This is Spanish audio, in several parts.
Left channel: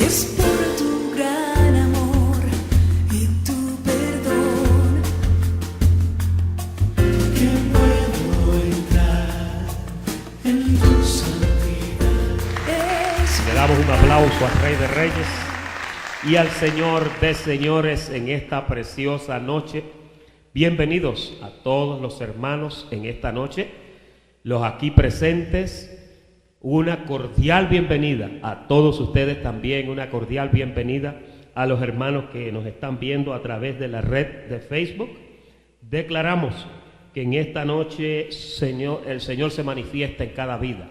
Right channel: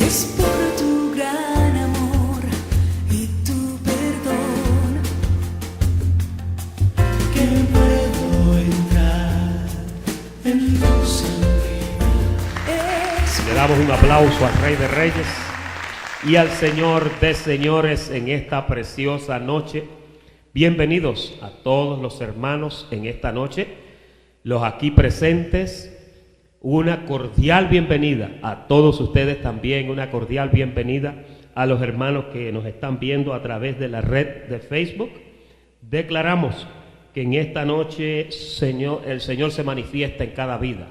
Es por tu gran amor y tu perdón que puedo entrar en tu santidad. Le damos un aplauso al Rey de Reyes y al Señor de Señores en esta preciosa noche. Bienvenidos a todos los hermanos en esta noche, los aquí presentes. Una cordial bienvenida a todos ustedes también, una cordial bienvenida a los hermanos que nos están viendo a través de la red de Facebook. Declaramos que en esta noche el Señor se manifiesta en cada vida.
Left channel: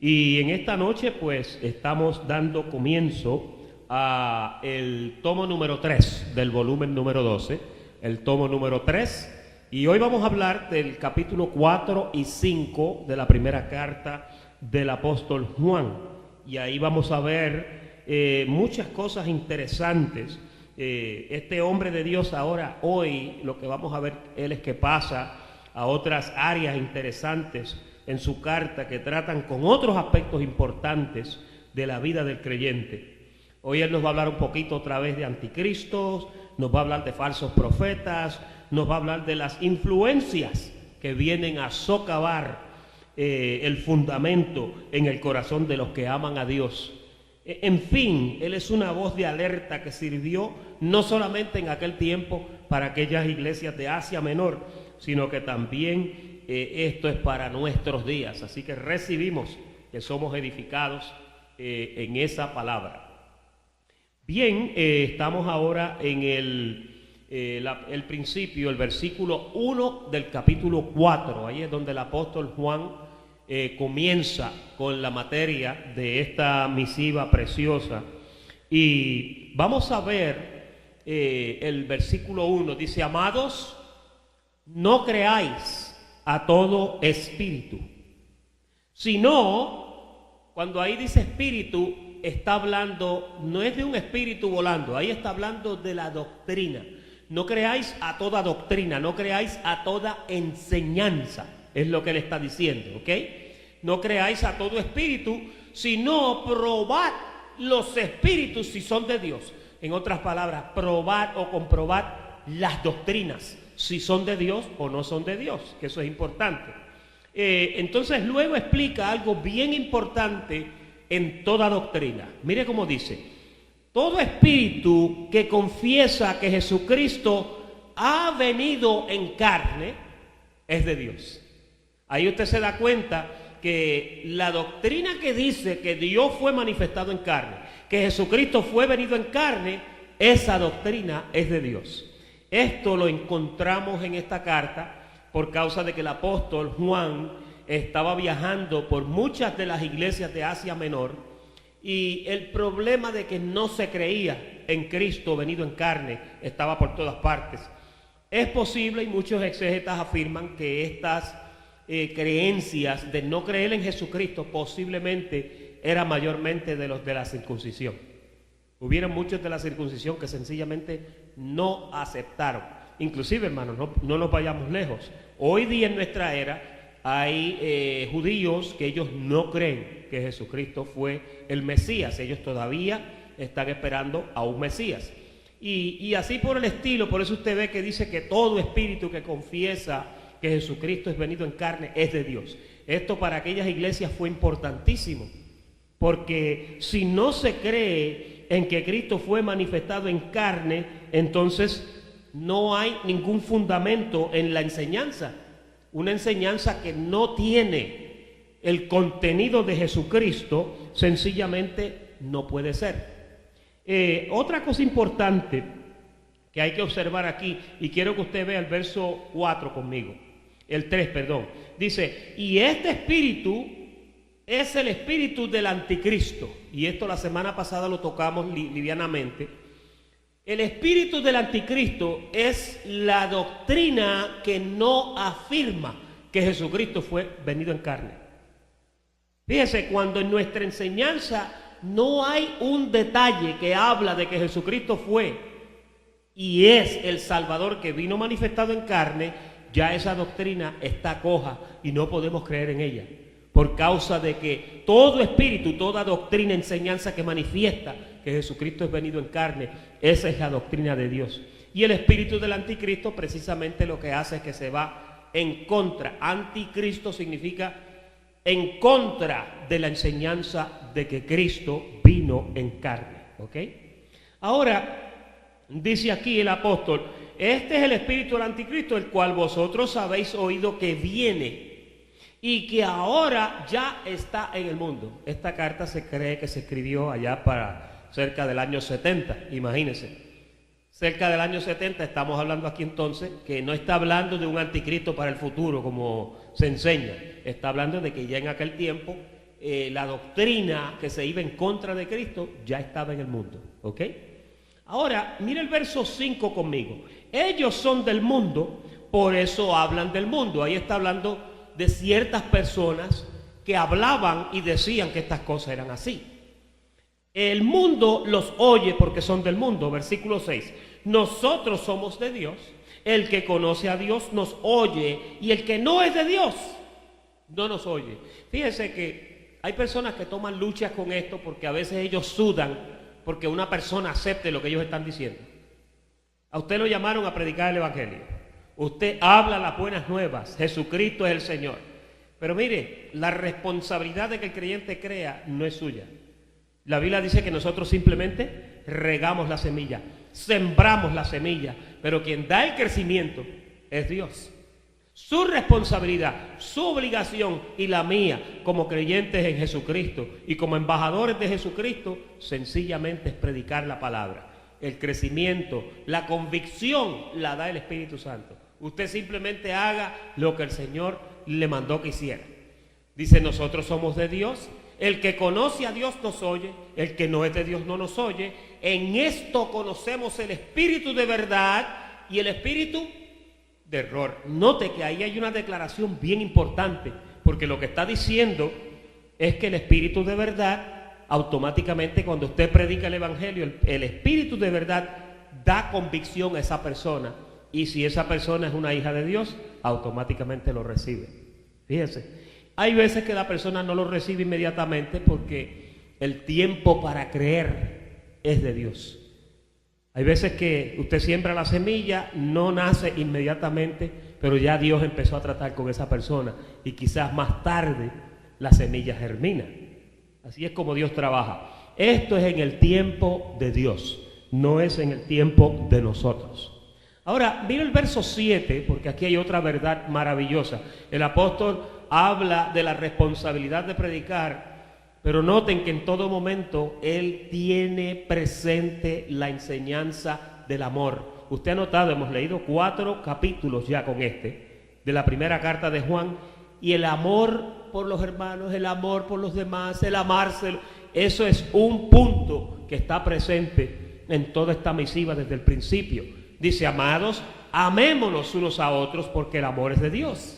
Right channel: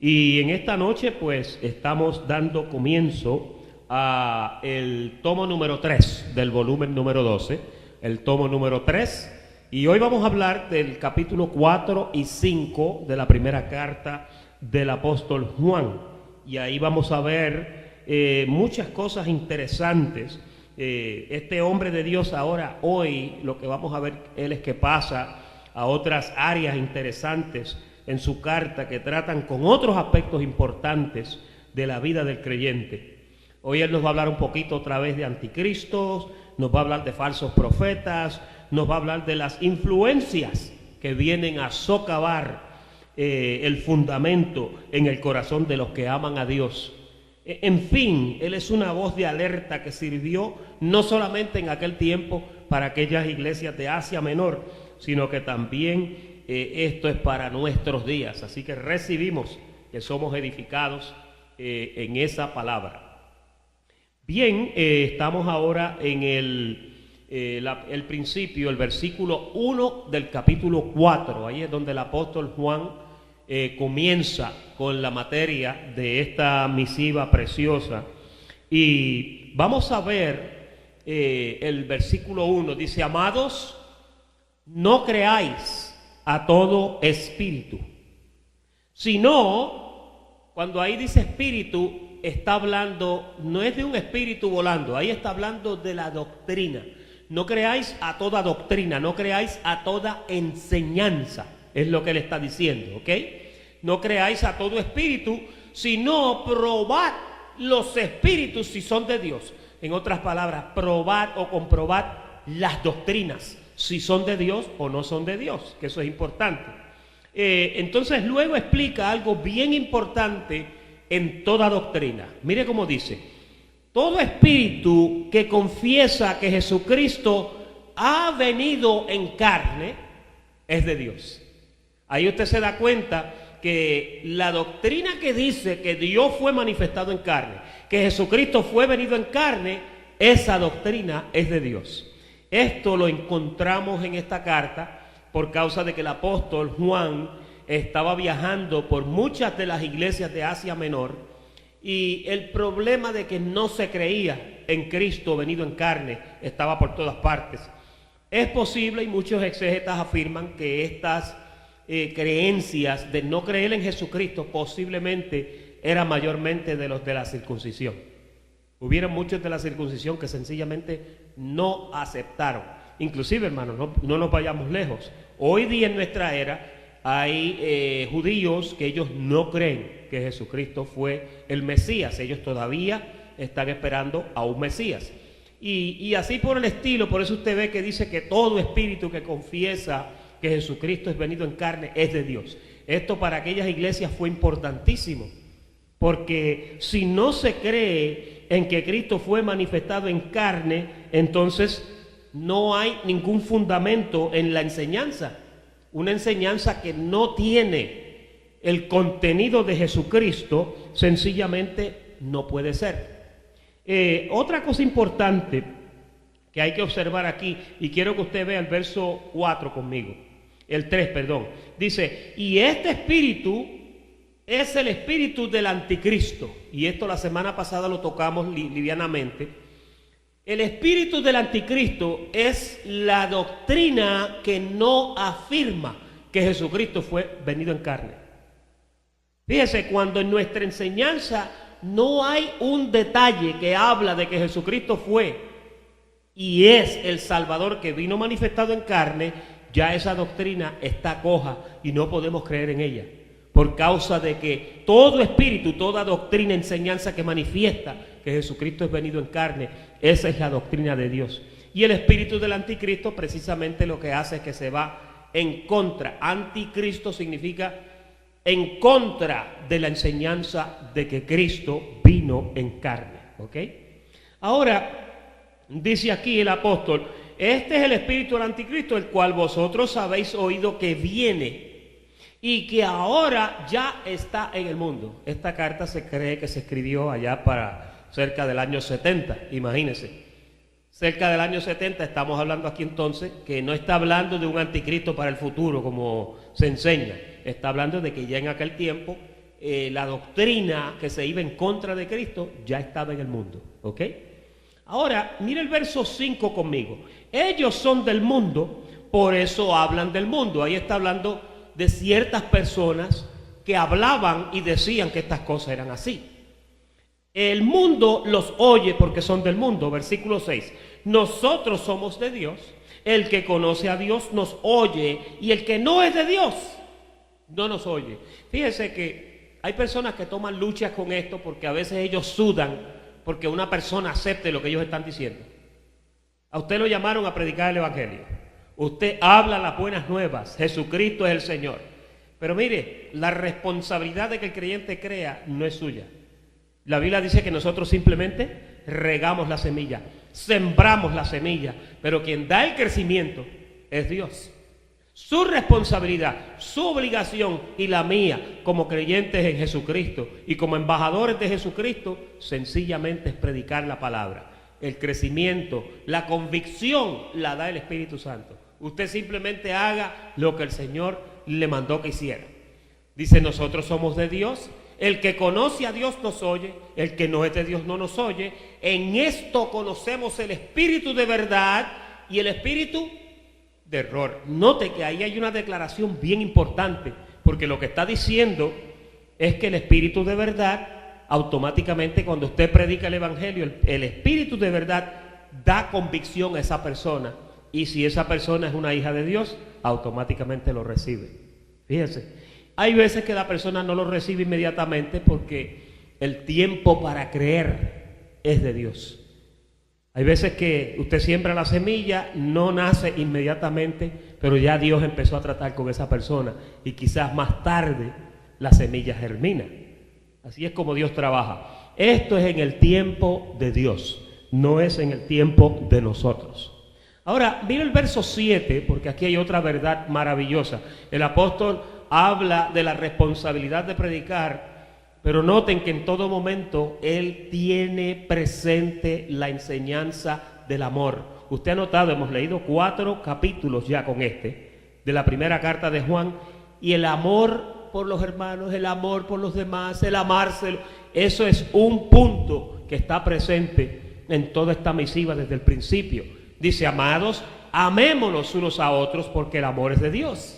Y en esta noche pues estamos dando comienzo a el tomo número 3 del volumen número 12, el tomo número 3. Y hoy vamos a hablar del capítulo 4 y 5 de la primera carta del apóstol Juan, y ahí vamos a ver muchas cosas interesantes. Este hombre de Dios hoy lo que vamos a ver él es que pasa a otras áreas interesantes en su carta que tratan con otros aspectos importantes de la vida del creyente. Hoy él nos va a hablar un poquito otra vez de anticristos, nos va a hablar de falsos profetas, nos va a hablar de las influencias que vienen a socavar el fundamento en el corazón de los que aman a Dios. En fin, él es una voz de alerta que sirvió no solamente en aquel tiempo para aquellas iglesias de Asia Menor, sino que también esto es para nuestros días. Así que recibimos que somos edificados en esa palabra. Bien, estamos ahora en el principio, el versículo 1 del capítulo 4. Ahí es donde el apóstol Juan comienza con la materia de esta misiva preciosa. Y vamos a ver el versículo 1. Dice: amados, no creáis a todo espíritu, sino, cuando ahí dice espíritu, está hablando, no es de un espíritu volando, ahí está hablando de la doctrina. No creáis a toda doctrina, no creáis a toda enseñanza, es lo que él está diciendo, ¿ok? No creáis a todo espíritu, sino probad los espíritus si son de Dios. En otras palabras, probad o comprobad las doctrinas, si son de Dios o no son de Dios, que eso es importante. Entonces luego explica algo bien importante en toda doctrina. Mire cómo dice: todo espíritu que confiesa que Jesucristo ha venido en carne es de Dios. Ahí usted se da cuenta que la doctrina que dice que Dios fue manifestado en carne, que Jesucristo fue venido en carne, esa doctrina es de Dios. Esto lo encontramos en esta carta por causa de que el apóstol Juan estaba viajando por muchas de las iglesias de Asia Menor, y el problema de que no se creía en Cristo venido en carne estaba por todas partes. Es posible, y muchos exégetas afirman, que estas creencias de no creer en Jesucristo posiblemente eran mayormente de los de la circuncisión. Hubieron muchos de la circuncisión que sencillamente no aceptaron. Inclusive, hermanos, no nos vayamos lejos. Hoy día en nuestra era hay judíos que ellos no creen que Jesucristo fue el Mesías. Ellos todavía están esperando a un Mesías. Y así por el estilo. Por eso usted ve que dice que todo espíritu que confiesa que Jesucristo es venido en carne es de Dios. Esto para aquellas iglesias fue importantísimo, porque si no se cree en que Cristo fue manifestado en carne, entonces no hay ningún fundamento en la enseñanza. Una enseñanza que no tiene el contenido de Jesucristo sencillamente no puede ser. Otra cosa importante que hay que observar aquí, y quiero que usted vea el verso 4 conmigo, el 3, perdón, dice: y este espíritu es el espíritu del anticristo. Y esto la semana pasada lo tocamos livianamente. El espíritu del anticristo es la doctrina que no afirma que Jesucristo fue venido en carne. Fíjese, cuando en nuestra enseñanza no hay un detalle que habla de que Jesucristo fue y es el Salvador que vino manifestado en carne, ya esa doctrina está coja y no podemos creer en ella, por causa de que todo espíritu, toda doctrina, enseñanza que manifiesta que Jesucristo es venido en carne. Esa es la doctrina de Dios. Y el espíritu del anticristo precisamente lo que hace es que se va en contra. Anticristo significa en contra de la enseñanza de que Cristo vino en carne. ¿Ok? Ahora, dice aquí el apóstol, este es el espíritu del anticristo, el cual vosotros habéis oído que viene y que ahora ya está en el mundo. Esta carta se cree que se escribió allá para cerca del año 70, imagínense. Cerca del año 70 estamos hablando aquí entonces que no está hablando de un anticristo para el futuro como se enseña. Está hablando de que ya en aquel tiempo la doctrina que se iba en contra de Cristo ya estaba en el mundo. ¿Ok? Ahora, mire el verso 5 conmigo. Ellos son del mundo, por eso hablan del mundo. Ahí está hablando de ciertas personas que hablaban y decían que estas cosas eran así. El mundo los oye porque son del mundo. Versículo 6. Nosotros somos de Dios. El que conoce a Dios nos oye, y el que no es de Dios no nos oye. Fíjense que hay personas que toman luchas con esto porque a veces ellos sudan porque una persona acepte lo que ellos están diciendo. A usted lo llamaron a predicar el evangelio. Usted habla las buenas nuevas. Jesucristo es el Señor. Pero mire, la responsabilidad de que el creyente crea no es suya. La Biblia dice que nosotros simplemente regamos la semilla, sembramos la semilla, pero quien da el crecimiento es Dios. Su responsabilidad, su obligación y la mía como creyentes en Jesucristo y como embajadores de Jesucristo, sencillamente es predicar la palabra. El crecimiento, la convicción la da el Espíritu Santo. Usted simplemente haga lo que el Señor le mandó que hiciera. Dice, nosotros somos de Dios. El que conoce a Dios nos oye, el que no es de Dios no nos oye. En esto conocemos el espíritu de verdad y el espíritu de error. Note que ahí hay una declaración bien importante, porque lo que está diciendo es que el espíritu de verdad, automáticamente cuando usted predica el evangelio, el espíritu de verdad da convicción a esa persona, y si esa persona es una hija de Dios, automáticamente lo recibe. Fíjense. Hay veces que la persona no lo recibe inmediatamente porque el tiempo para creer es de Dios. Hay veces que usted siembra la semilla, no nace inmediatamente, pero ya Dios empezó a tratar con esa persona y quizás más tarde la semilla germina. Así es como Dios trabaja. Esto es en el tiempo de Dios, no es en el tiempo de nosotros. Ahora, mira el verso 7, porque aquí hay otra verdad maravillosa. El apóstol habla de la responsabilidad de predicar, pero noten que en todo momento él tiene presente la enseñanza del amor. Usted ha notado, hemos leído 4 capítulos ya con de la primera carta de Juan, y el amor por los hermanos, el amor por los demás, el amárselo, eso es un punto que está presente en toda esta misiva desde el principio. Dice, amados, amémonos unos a otros porque el amor es de Dios.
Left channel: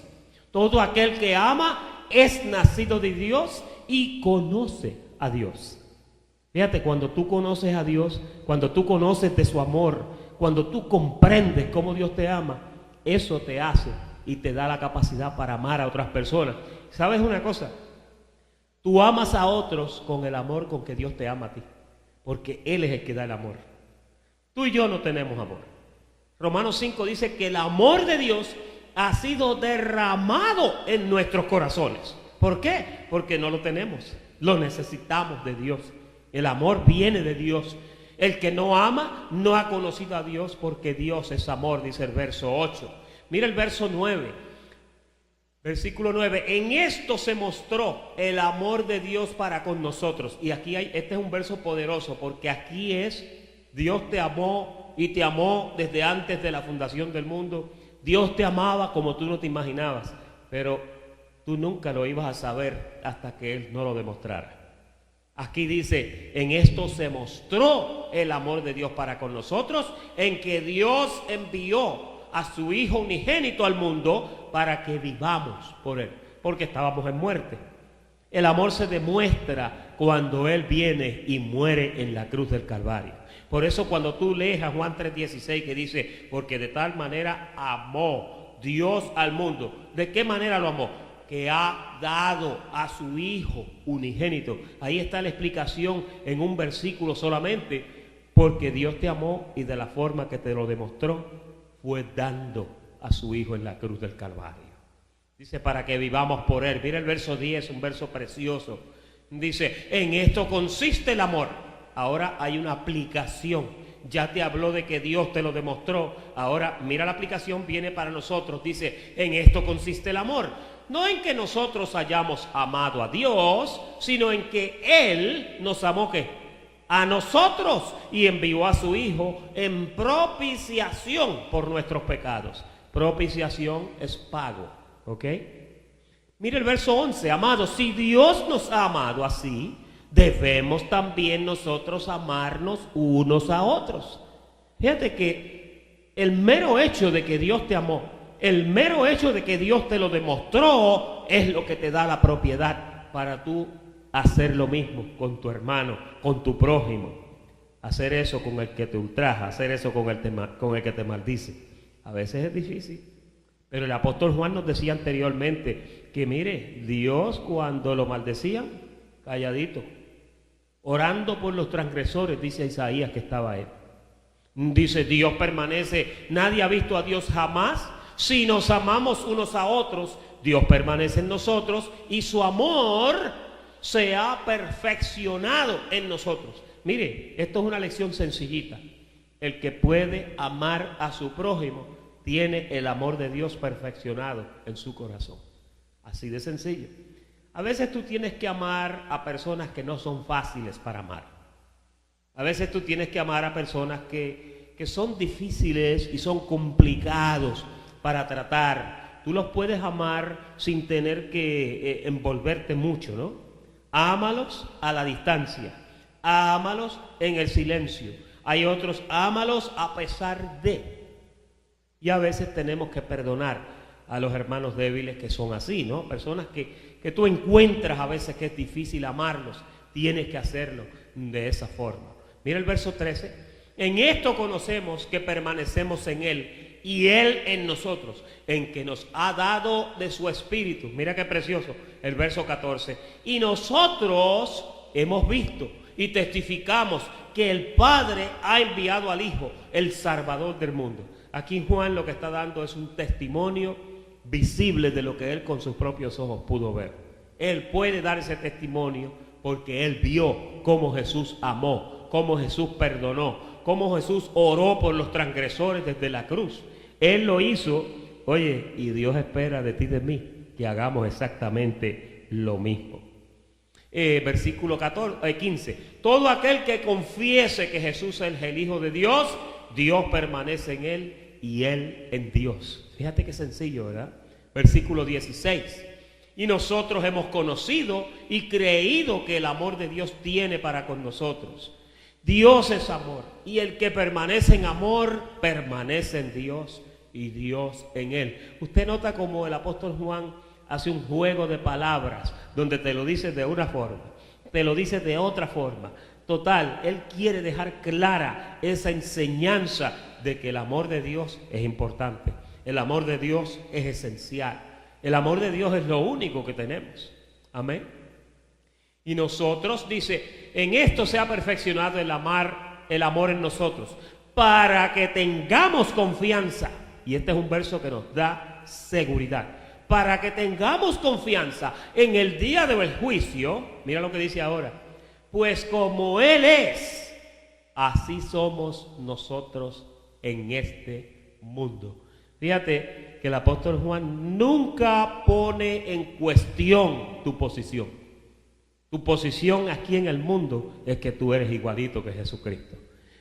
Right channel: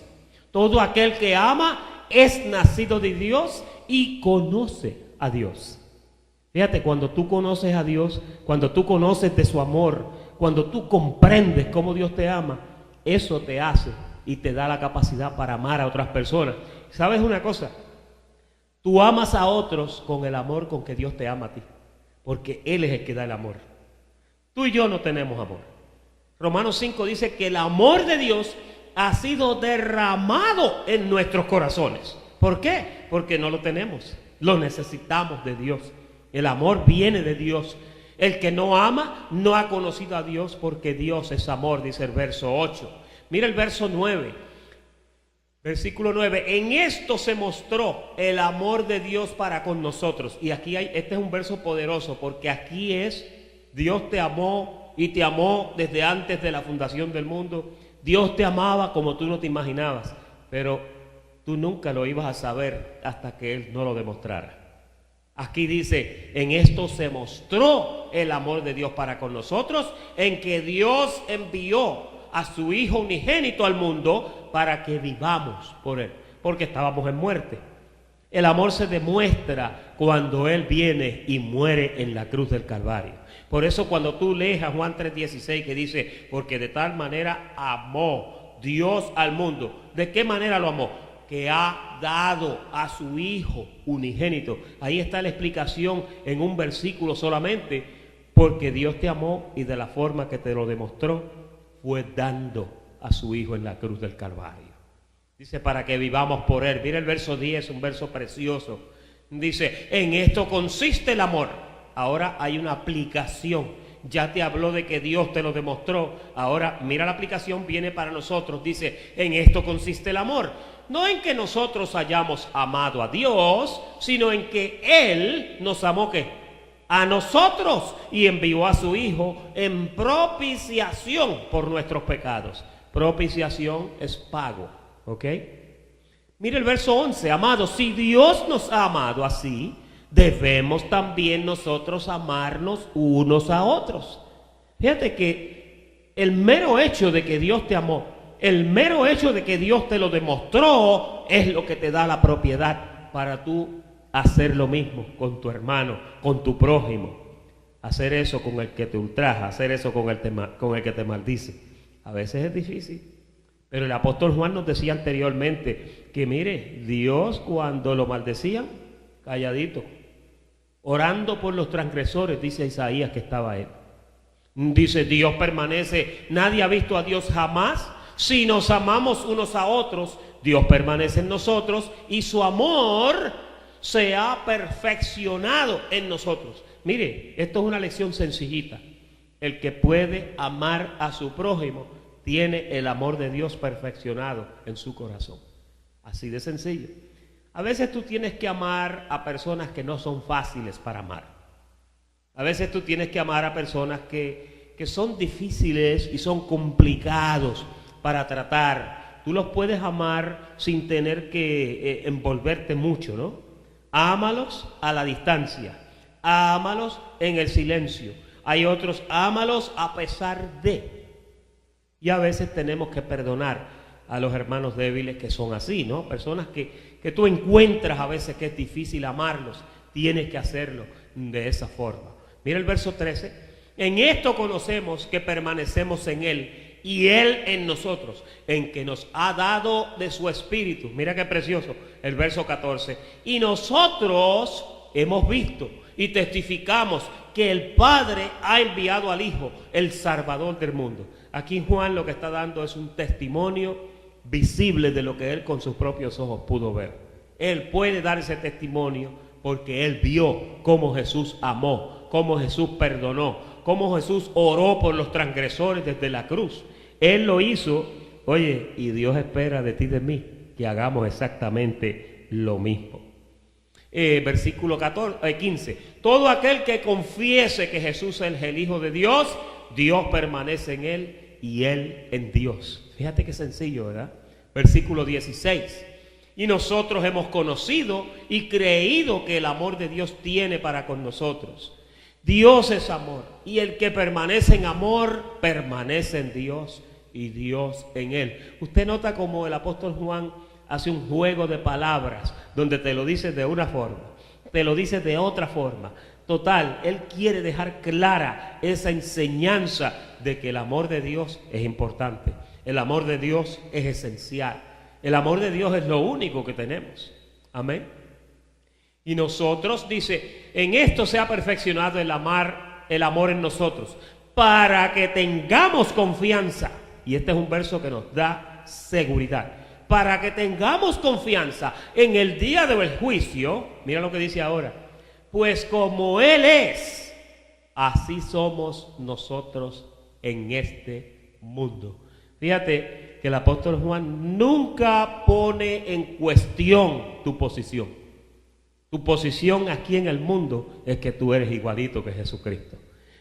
Todo aquel que ama es nacido de Dios y conoce a Dios. Fíjate, cuando tú conoces a Dios, cuando tú conoces de su amor, cuando tú comprendes cómo Dios te ama, eso te hace y te da la capacidad para amar a otras personas. ¿Sabes una cosa? Tú amas a otros con el amor con que Dios te ama a ti, porque Él es el que da el amor. Tú y yo no tenemos amor. Romanos 5 dice que el amor de Dios ha sido derramado en nuestros corazones. ¿Por qué? Porque no lo tenemos. Lo necesitamos de Dios. El amor viene de Dios. El que no ama no ha conocido a Dios, porque Dios es amor, dice el verso 8. Mira el verso 9. Versículo 9. En esto se mostró el amor de Dios para con nosotros. Y aquí este es un verso poderoso, porque aquí es Dios te amó y te amó desde antes de la fundación del mundo. Dios te amaba como tú no te imaginabas, pero tú nunca lo ibas a saber hasta que Él no lo demostrara. Aquí dice, en esto se mostró el amor de Dios para con nosotros, en que Dios envió a su Hijo unigénito al mundo para que vivamos por Él, porque estábamos en muerte. El amor se demuestra cuando Él viene y muere en la cruz del Calvario. Por eso cuando tú lees a Juan 3:16 que dice, porque de tal manera amó Dios al mundo. ¿De qué manera lo amó? que ha dado a su Hijo unigénito. Ahí está la explicación en un versículo solamente, porque Dios te amó y de la forma que te lo demostró fue dando a su Hijo en la cruz del Calvario. Dice, para que vivamos por Él. Mira el verso 10, un verso precioso. Dice, en esto consiste el amor. Ahora hay una aplicación. Ya te habló de que Dios te lo demostró. Ahora mira la aplicación, viene para nosotros. Dice, en esto consiste el amor. No en que nosotros hayamos amado a Dios, sino en que Él nos amó, ¿qué? A nosotros, y envió a su Hijo en propiciación por nuestros pecados. Propiciación es pago, ¿ok? Mira el verso 11, amados, si Dios nos ha amado así, debemos también nosotros amarnos unos a otros. Fíjate que el mero hecho de que Dios te amó, el mero hecho de que Dios te lo demostró, es lo que te da la propiedad para tú hacer lo mismo con tu hermano, con tu prójimo. Hacer eso con el que te ultraja, hacer eso con el que te maldice. A veces es difícil. Pero el apóstol Juan nos decía anteriormente que mire, Dios cuando lo maldecían, calladito, orando por los transgresores, dice Isaías que estaba ahí. Dice, Dios permanece, nadie ha visto a Dios jamás. Si nos amamos unos a otros, Dios permanece en nosotros y su amor se ha perfeccionado en nosotros. Mire, esto es una lección sencillita. El que puede amar a su prójimo tiene el amor de Dios perfeccionado en su corazón. Así de sencillo. A veces tú tienes que amar a personas que no son fáciles para amar. A veces tú tienes que amar a personas que son difíciles y son complicados para tratar. Tú los puedes amar sin tener que envolverte mucho, ¿no? Ámalos a la distancia. Ámalos en el silencio. Hay otros, ámalos a pesar de. Y a veces tenemos que perdonar a los hermanos débiles que son así, ¿no? Personas que tú encuentras a veces que es difícil amarlos. Tienes que hacerlo de esa forma. Mira el verso 13. En esto conocemos que permanecemos en Él y Él en nosotros, en que nos ha dado de su Espíritu. Mira qué precioso el verso 14. Y nosotros hemos visto y testificamos que el Padre ha enviado al Hijo, el Salvador del mundo. Aquí Juan lo que está dando es un testimonio visible de lo que él con sus propios ojos pudo ver. Él puede dar ese testimonio porque él vio cómo Jesús amó, cómo Jesús perdonó, cómo Jesús oró por los transgresores desde la cruz. Él lo hizo, oye, y Dios espera de ti y de mí que hagamos exactamente lo mismo. Versículo 15. Todo aquel que confiese que Jesús es el Hijo de Dios, Dios permanece en él y él en Dios. Fíjate qué sencillo, ¿verdad? Versículo 16. Y nosotros hemos conocido y creído que el amor de Dios tiene para con nosotros. Dios es amor, y el que permanece en amor, permanece en Dios y Dios en él. Usted nota como el apóstol Juan hace un juego de palabras, donde te lo dice de una forma, te lo dice de otra forma. Total, él quiere dejar clara esa enseñanza de que el amor de Dios es importante. El amor de Dios es esencial. El amor de Dios es lo único que tenemos. Amén. Y nosotros, dice, en esto se ha perfeccionado el amor en nosotros, para que tengamos confianza. Y este es un verso que nos da seguridad. Para que tengamos confianza en el día del juicio. Mira lo que dice ahora. Pues como Él es, así somos nosotros en este mundo. Fíjate que el apóstol Juan nunca pone en cuestión tu posición. Tu posición aquí en el mundo es que tú eres igualito que Jesucristo.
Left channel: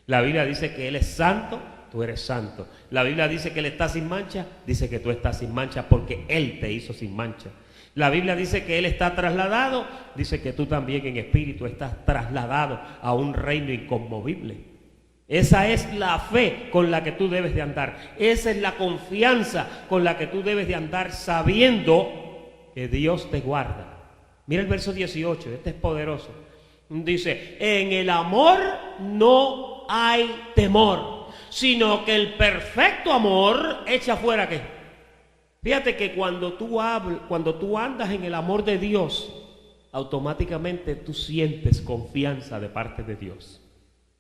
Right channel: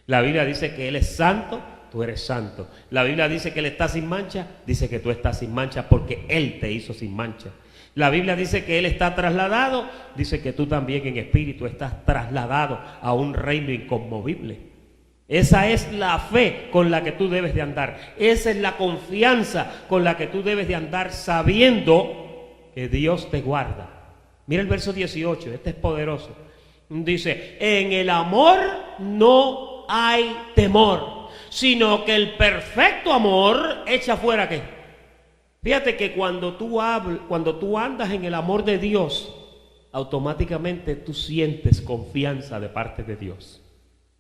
La Biblia dice que Él es santo, tú eres santo. La Biblia dice que Él está sin mancha, dice que tú estás sin mancha porque Él te hizo sin mancha. La Biblia dice que Él está trasladado, dice que tú también en espíritu estás trasladado a un reino inconmovible. Esa es la fe con la que tú debes de andar. Esa es la confianza con la que tú debes de andar, sabiendo que Dios te guarda. Mira el verso 18, este es poderoso. Dice, en el amor no hay temor, sino que el perfecto amor echa fuera ¿qué? Fíjate que cuando tú andas en el amor de Dios, automáticamente tú sientes confianza de parte de Dios.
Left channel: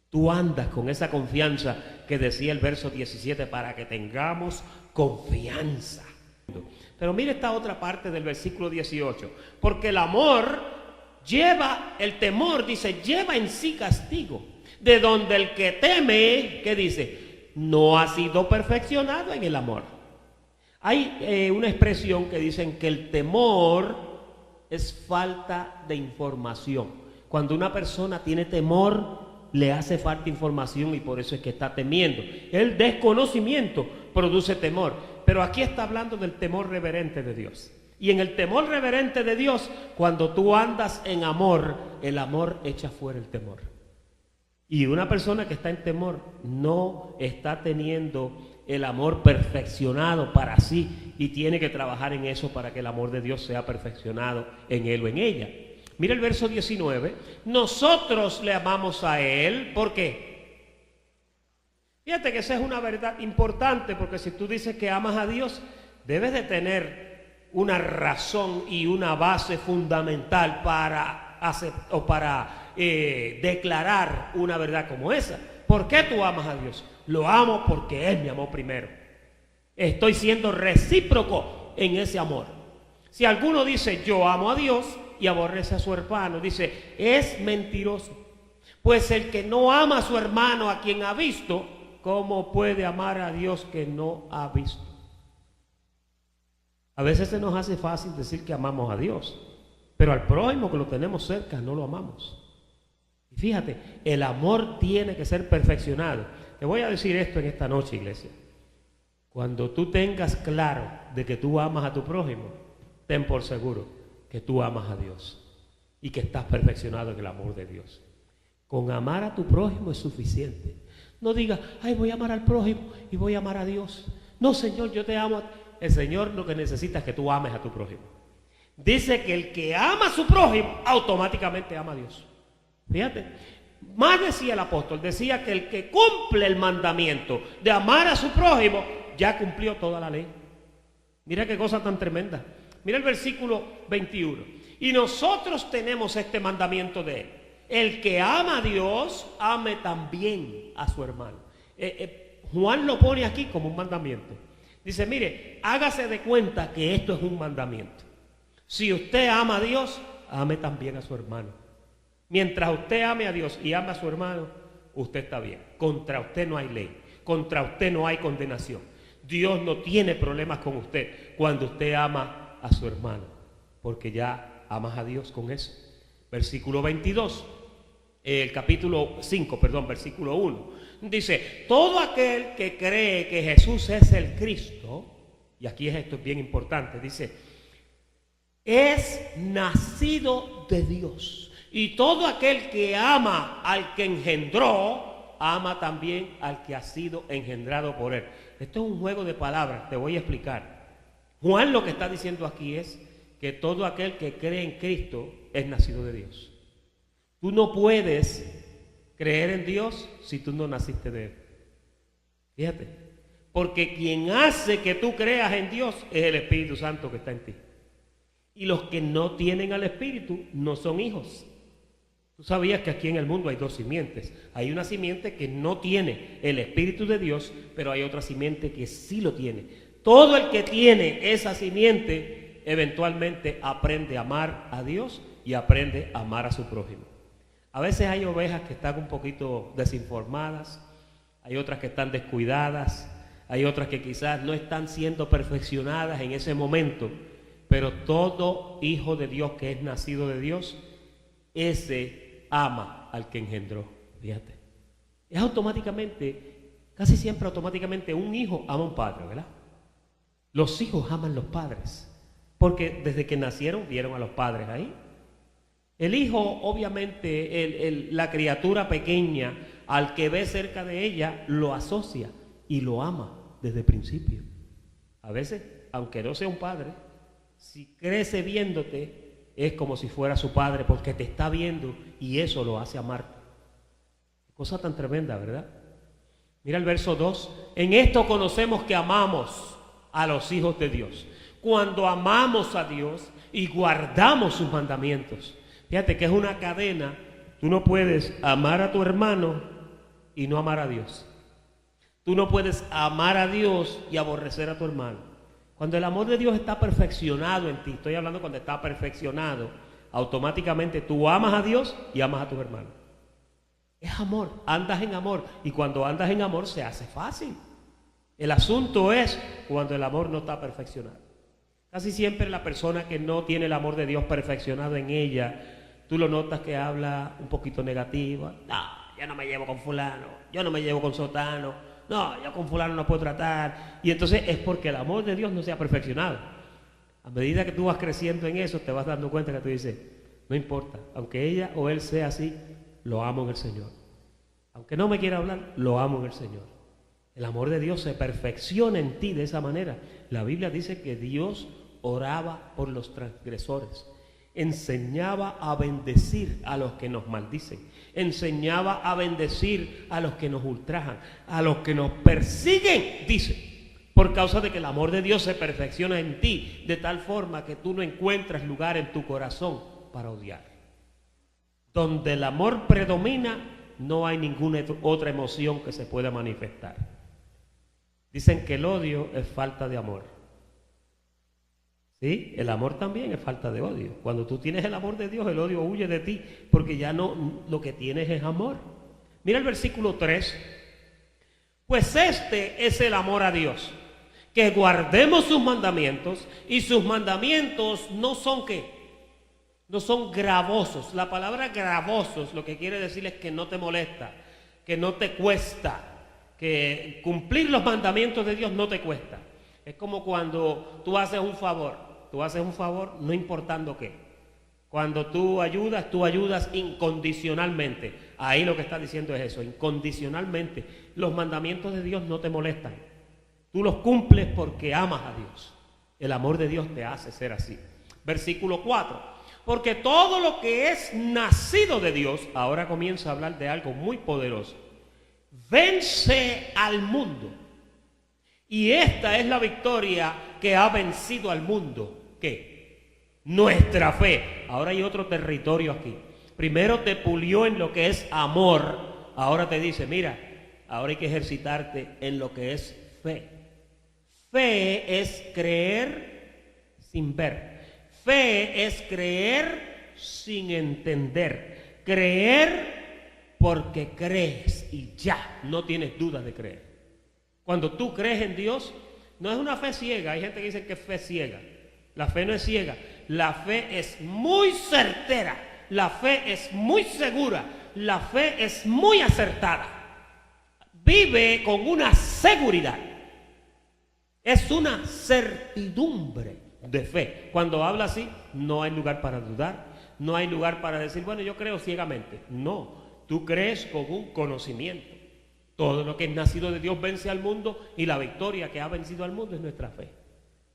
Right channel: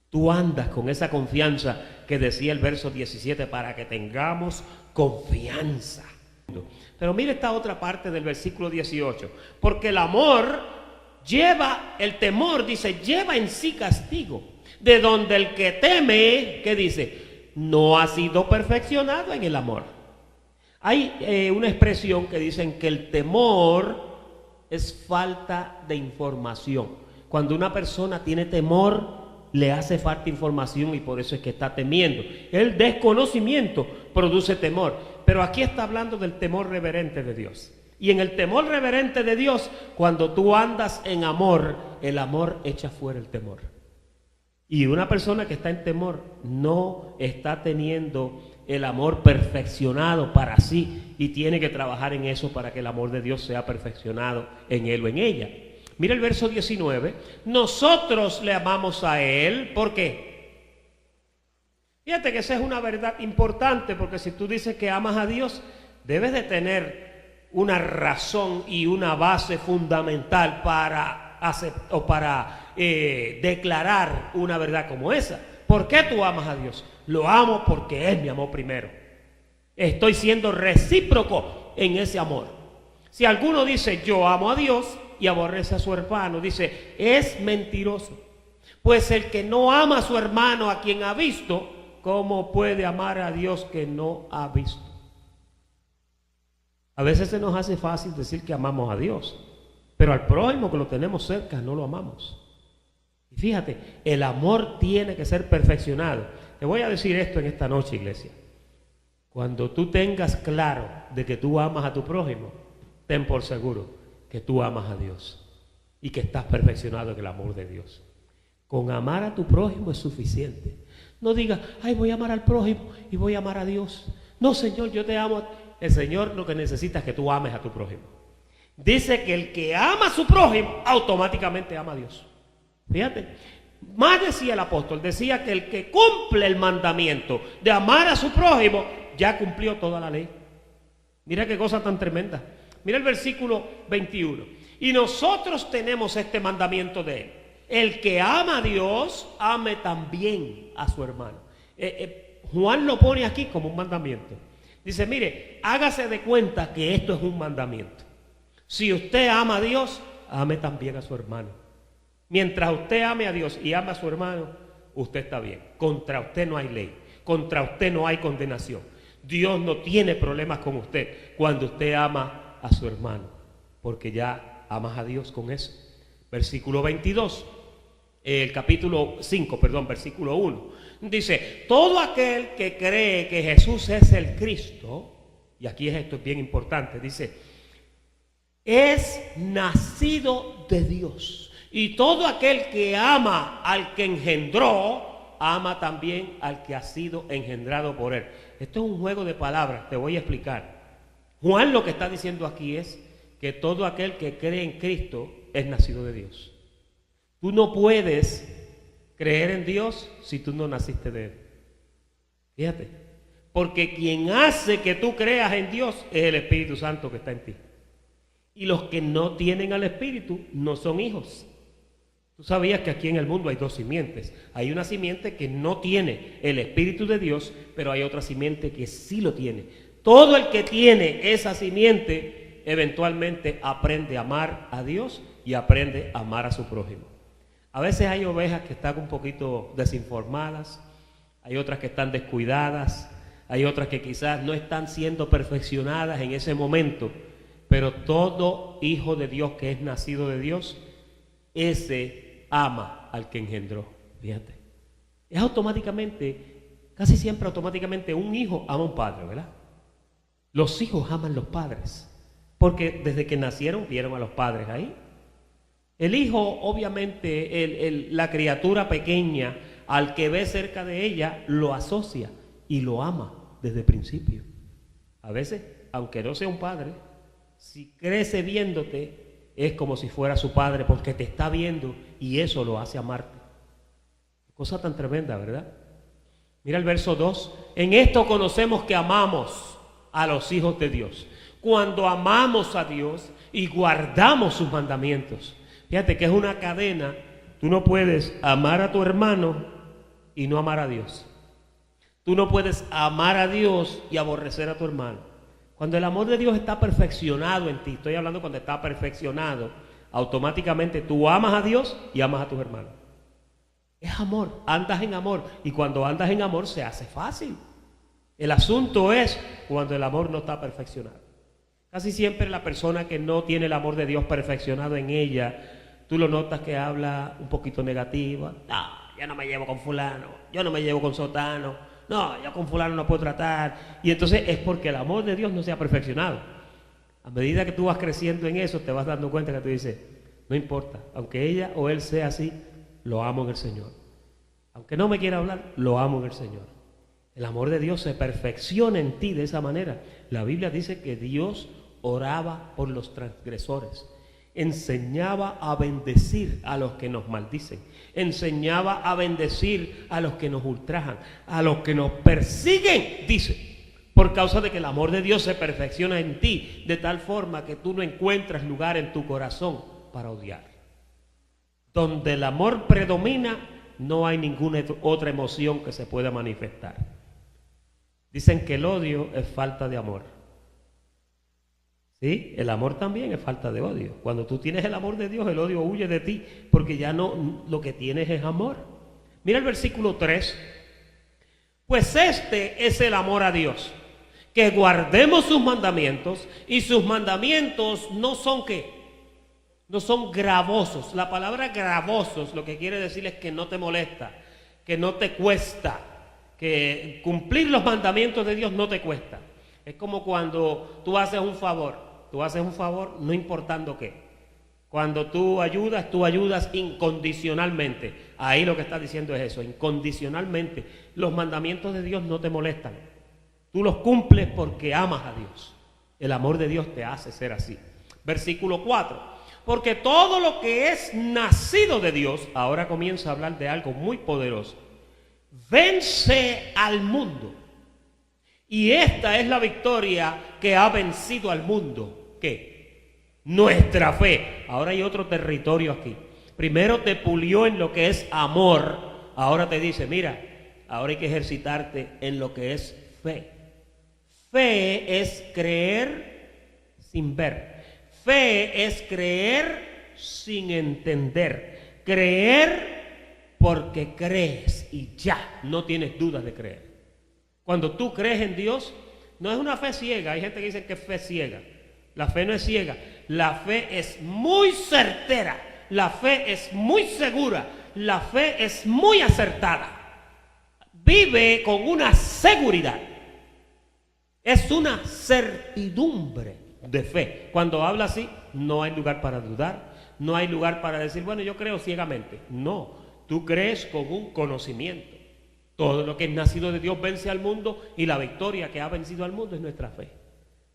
Tú andas con esa confianza que decía el verso 17, para que tengamos confianza. Pero mire esta otra parte del versículo 18, porque el amor el temor, dice, lleva en sí castigo, de donde el que teme, ¿qué dice? No ha sido perfeccionado en el amor. Hay una expresión que dicen que el temor es falta de información. Cuando una persona tiene temor, le hace falta información y por eso es que está temiendo. El desconocimiento produce temor. Pero aquí está hablando del temor reverente de Dios. Y en el temor reverente de Dios, cuando tú andas en amor, el amor echa fuera el temor. Y una persona que está en temor no está teniendo el amor perfeccionado para sí y tiene que trabajar en eso para que el amor de Dios sea perfeccionado en él o en ella. Mira el verso 19. Nosotros le amamos a Él. ¿Por qué? Fíjate que esa es una verdad importante, porque si tú dices que amas a Dios, debes de tener una razón y una base fundamental para declarar una verdad como esa. ¿Por qué tú amas a Dios? Lo amo porque Él me amó primero. Estoy siendo recíproco en ese amor. Si alguno dice yo amo a Dios y aborrece a su hermano, dice, es mentiroso. Pues el que no ama a su hermano a quien ha visto, ¿cómo puede amar a Dios que no ha visto? A veces se nos hace fácil decir que amamos a Dios, pero al prójimo que lo tenemos cerca no lo amamos. Y fíjate, el amor tiene que ser perfeccionado. Te voy a decir esto en esta noche, iglesia. Cuando tú tengas claro de que tú amas a tu prójimo, ten por seguro que tú amas a Dios y que estás perfeccionado en el amor de Dios. Con amar a tu prójimo es suficiente. No digas, ay, voy a amar al prójimo y voy a amar a Dios. No, Señor, yo te amo. El Señor lo que necesita es que tú ames a tu prójimo. Dice que el que ama a su prójimo automáticamente ama a Dios. Fíjate, más decía el apóstol, decía que el que cumple el mandamiento de amar a su prójimo ya cumplió toda la ley. Mira qué cosa tan tremenda. Mira el versículo 21. Y nosotros tenemos este mandamiento de Él. El que ama a Dios, ame también a su hermano. Juan lo pone aquí como un mandamiento. Dice, mire, hágase de cuenta que esto es un mandamiento. Si usted ama a Dios, ame también a su hermano. Mientras usted ame a Dios y ama a su hermano, usted está bien. Contra usted no hay ley. Contra usted no hay condenación. Dios no tiene problemas con usted cuando usted ama a su hermano, porque ya amas a Dios con eso. Versículo 22, capítulo 5, versículo 1. Dice, todo aquel que cree que Jesús es el Cristo, y aquí esto es bien importante, dice, es nacido de Dios. Y todo aquel que ama al que engendró, ama también al que ha sido engendrado por él. Esto es un juego de palabras, te voy a explicar. Juan lo que está diciendo aquí es que todo aquel que cree en Cristo es nacido de Dios. Tú no puedes creer en Dios si tú no naciste de Él. Fíjate, porque quien hace que tú creas en Dios es el Espíritu Santo que está en ti. Y los que no tienen al Espíritu no son hijos. Tú sabías que aquí en el mundo hay dos simientes. Hay una simiente que no tiene el Espíritu de Dios, pero hay otra simiente que sí lo tiene. Todo el que tiene esa simiente eventualmente aprende a amar a Dios y aprende a amar a su prójimo. A veces hay ovejas que están un poquito desinformadas, hay otras que están descuidadas, hay otras que quizás no están siendo perfeccionadas en ese momento, pero todo hijo de Dios que es nacido de Dios, ese ama al que engendró. Fíjate, es automáticamente, casi siempre automáticamente un hijo ama a un padre, ¿verdad? Los hijos aman a los padres, porque desde que nacieron vieron a los padres ahí. El hijo, obviamente, la criatura pequeña, al que ve cerca de ella, lo asocia y lo ama desde el principio. A veces, aunque no sea un padre, si crece viéndote, es como si fuera su padre, porque te está viendo y eso lo hace amarte. Cosa tan tremenda, ¿verdad? Mira el verso 2. En esto conocemos que amamos a los hijos de Dios. cuando amamos a Dios y guardamos sus mandamientos. Fíjate que es una cadena. Tú no puedes amar a tu hermano y no amar a Dios. Tú no puedes amar a Dios y aborrecer a tu hermano. Cuando el amor de Dios está perfeccionado en ti, estoy hablando cuando está perfeccionado, automáticamente tú amas a Dios y amas a tus hermanos. Es amor, andas en amor, y cuando andas en amor se hace fácil. El asunto es cuando el amor no está perfeccionado. Casi siempre la persona que no tiene el amor de Dios perfeccionado en ella, tú lo notas que habla un poquito negativo. No, yo no me llevo con fulano, yo no me llevo con sotano, no, yo con fulano no puedo tratar. Y entonces es porque el amor de Dios no se ha perfeccionado. A medida que tú vas creciendo en eso, te vas dando cuenta que tú dices, no importa, aunque ella o él sea así, lo amo en el Señor. Aunque no me quiera hablar, lo amo en el Señor. El amor de Dios se perfecciona en ti de esa manera. La Biblia dice que Dios oraba por los transgresores, enseñaba a bendecir a los que nos maldicen, enseñaba a bendecir a los que nos ultrajan, a los que nos persiguen, dice, por causa de que el amor de Dios se perfecciona en ti, de tal forma que tú no encuentras lugar en tu corazón para odiar. Donde el amor predomina, no hay ninguna otra emoción que se pueda manifestar. Dicen que el odio es falta de amor. ¿Sí? El amor también es falta de odio. Cuando tú tienes el amor de Dios, el odio huye de ti, porque ya no, lo que tienes es amor. Mira el versículo 3. Pues este es el amor a Dios, que guardemos sus mandamientos, y sus mandamientos no son ¿qué? No son gravosos. La palabra gravosos lo que quiere decir es que no te molesta, que no te cuesta, que cumplir los mandamientos de Dios no te cuesta. Es como cuando tú haces un favor no importando qué. Cuando tú ayudas incondicionalmente. Ahí lo que está diciendo es eso, incondicionalmente. Los mandamientos de Dios no te molestan. Tú los cumples porque amas a Dios. El amor de Dios te hace ser así. Versículo 4. Porque todo lo que es nacido de Dios, ahora comienza a hablar de algo muy poderoso, vence al mundo. Y esta es la victoria que ha vencido al mundo. ¿Qué? Nuestra fe. Ahora hay otro territorio aquí. Primero te pulió en lo que es amor. Ahora te dice, mira, ahora hay que ejercitarte en lo que es fe. Fe es creer sin ver. Fe es creer sin entender. Creer porque crees y ya, no tienes dudas de creer. Cuando tú crees en Dios, no es una fe ciega. Hay gente que dice que es fe ciega. La fe no es ciega. La fe es muy certera. La fe es muy segura. La fe es muy acertada. Vive con una seguridad. Es una certidumbre de fe. Cuando habla así, no hay lugar para dudar. No hay lugar para decir, bueno, yo creo ciegamente. No, tú crees con un conocimiento. Todo lo que es nacido de Dios vence al mundo, y la victoria que ha vencido al mundo es nuestra fe.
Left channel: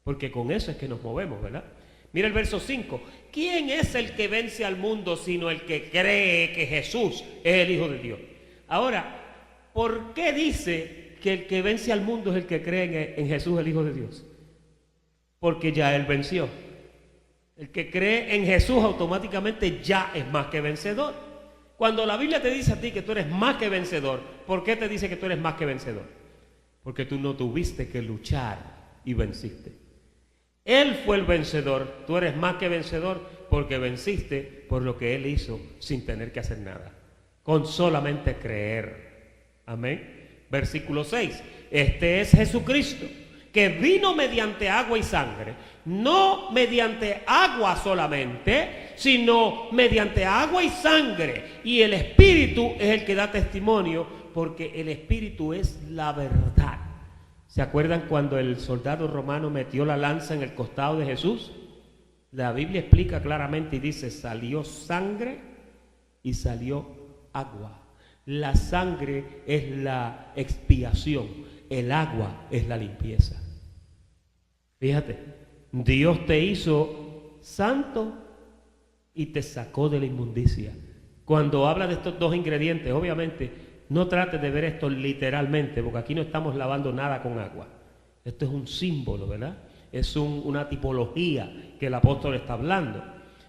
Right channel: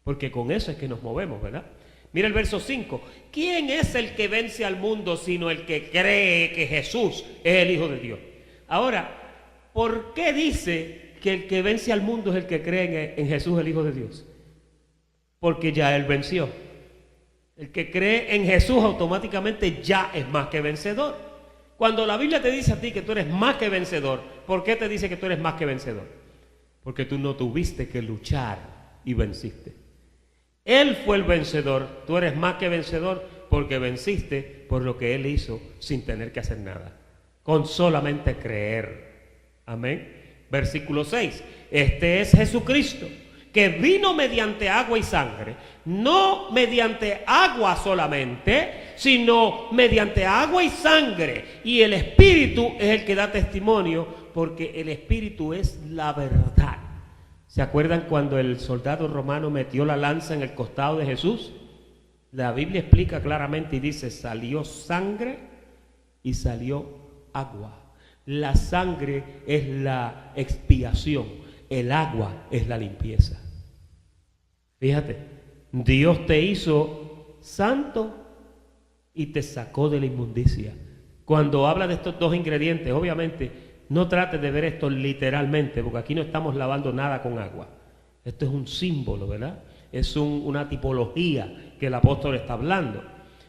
Porque con eso es que nos movemos, ¿verdad? Mira el verso 5. ¿Quién es el que vence al mundo sino el que cree que Jesús es el Hijo de Dios? Ahora, ¿por qué dice que el que vence al mundo es el que cree en Jesús, el Hijo de Dios? Porque ya Él venció. El que cree en Jesús automáticamente ya es más que vencedor. Cuando la Biblia te dice a ti que tú eres más que vencedor, ¿por qué te dice que tú eres más que vencedor? Porque tú no tuviste que luchar y venciste. Él fue el vencedor, tú eres más que vencedor porque venciste por lo que Él hizo sin tener que hacer nada, con solamente creer. Amén. Versículo 6. Este es Jesucristo, que vino mediante agua y sangre, no mediante agua solamente, sino mediante agua y sangre. Y el Espíritu es el que da testimonio, porque el Espíritu es la verdad. ¿Se acuerdan cuando el soldado romano metió la lanza en el costado de Jesús? La Biblia explica claramente y dice, salió sangre y salió agua. La sangre es la expiación, el agua es la limpieza. Fíjate, Dios te hizo santo y te sacó de la inmundicia. Cuando habla de estos dos ingredientes, obviamente, no trates de ver esto literalmente, porque aquí no estamos lavando nada con agua. Esto es un símbolo, ¿verdad? Es una tipología que el apóstol está hablando.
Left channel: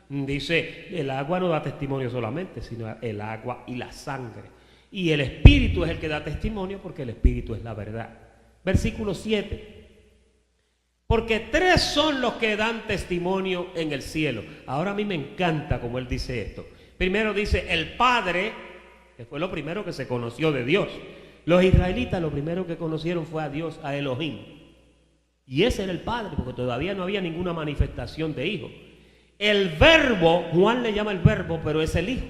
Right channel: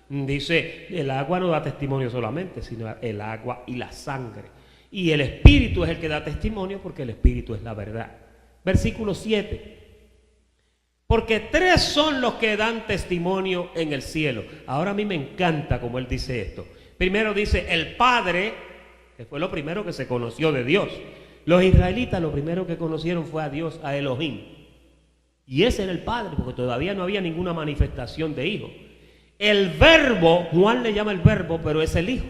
Dice, el agua no da testimonio solamente, sino el agua y la sangre. Y el Espíritu es el que da testimonio porque el Espíritu es la verdad. Versículo 7. Porque 3 son los que dan testimonio en el cielo. Ahora a mí me encanta como él dice esto. Primero dice el Padre, que fue lo primero que se conoció de Dios. Los israelitas lo primero que conocieron fue a Dios, a Elohim. Y ese era el Padre, porque todavía no había ninguna manifestación de Hijo. El Verbo, Juan le llama el Verbo, pero es el Hijo.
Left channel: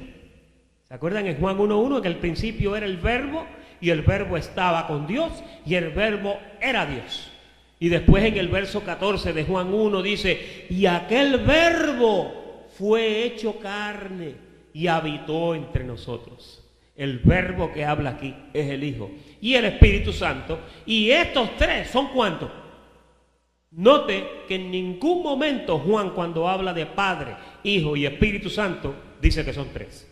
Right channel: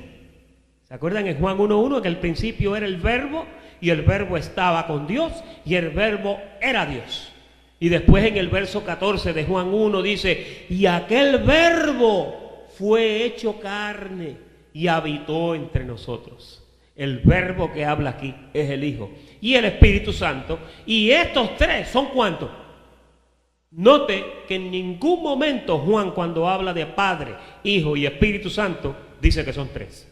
¿Se acuerdan en Juan 1:1 que al principio era el Verbo y el Verbo estaba con Dios y el Verbo era Dios? Y después en el verso 14 de Juan 1 dice, y aquel Verbo fue hecho carne y habitó entre nosotros. El Verbo que habla aquí es el Hijo y el Espíritu Santo. Y estos 3 son ¿cuántos? Note que en ningún momento Juan, cuando habla de Padre, Hijo y Espíritu Santo, dice que son 3.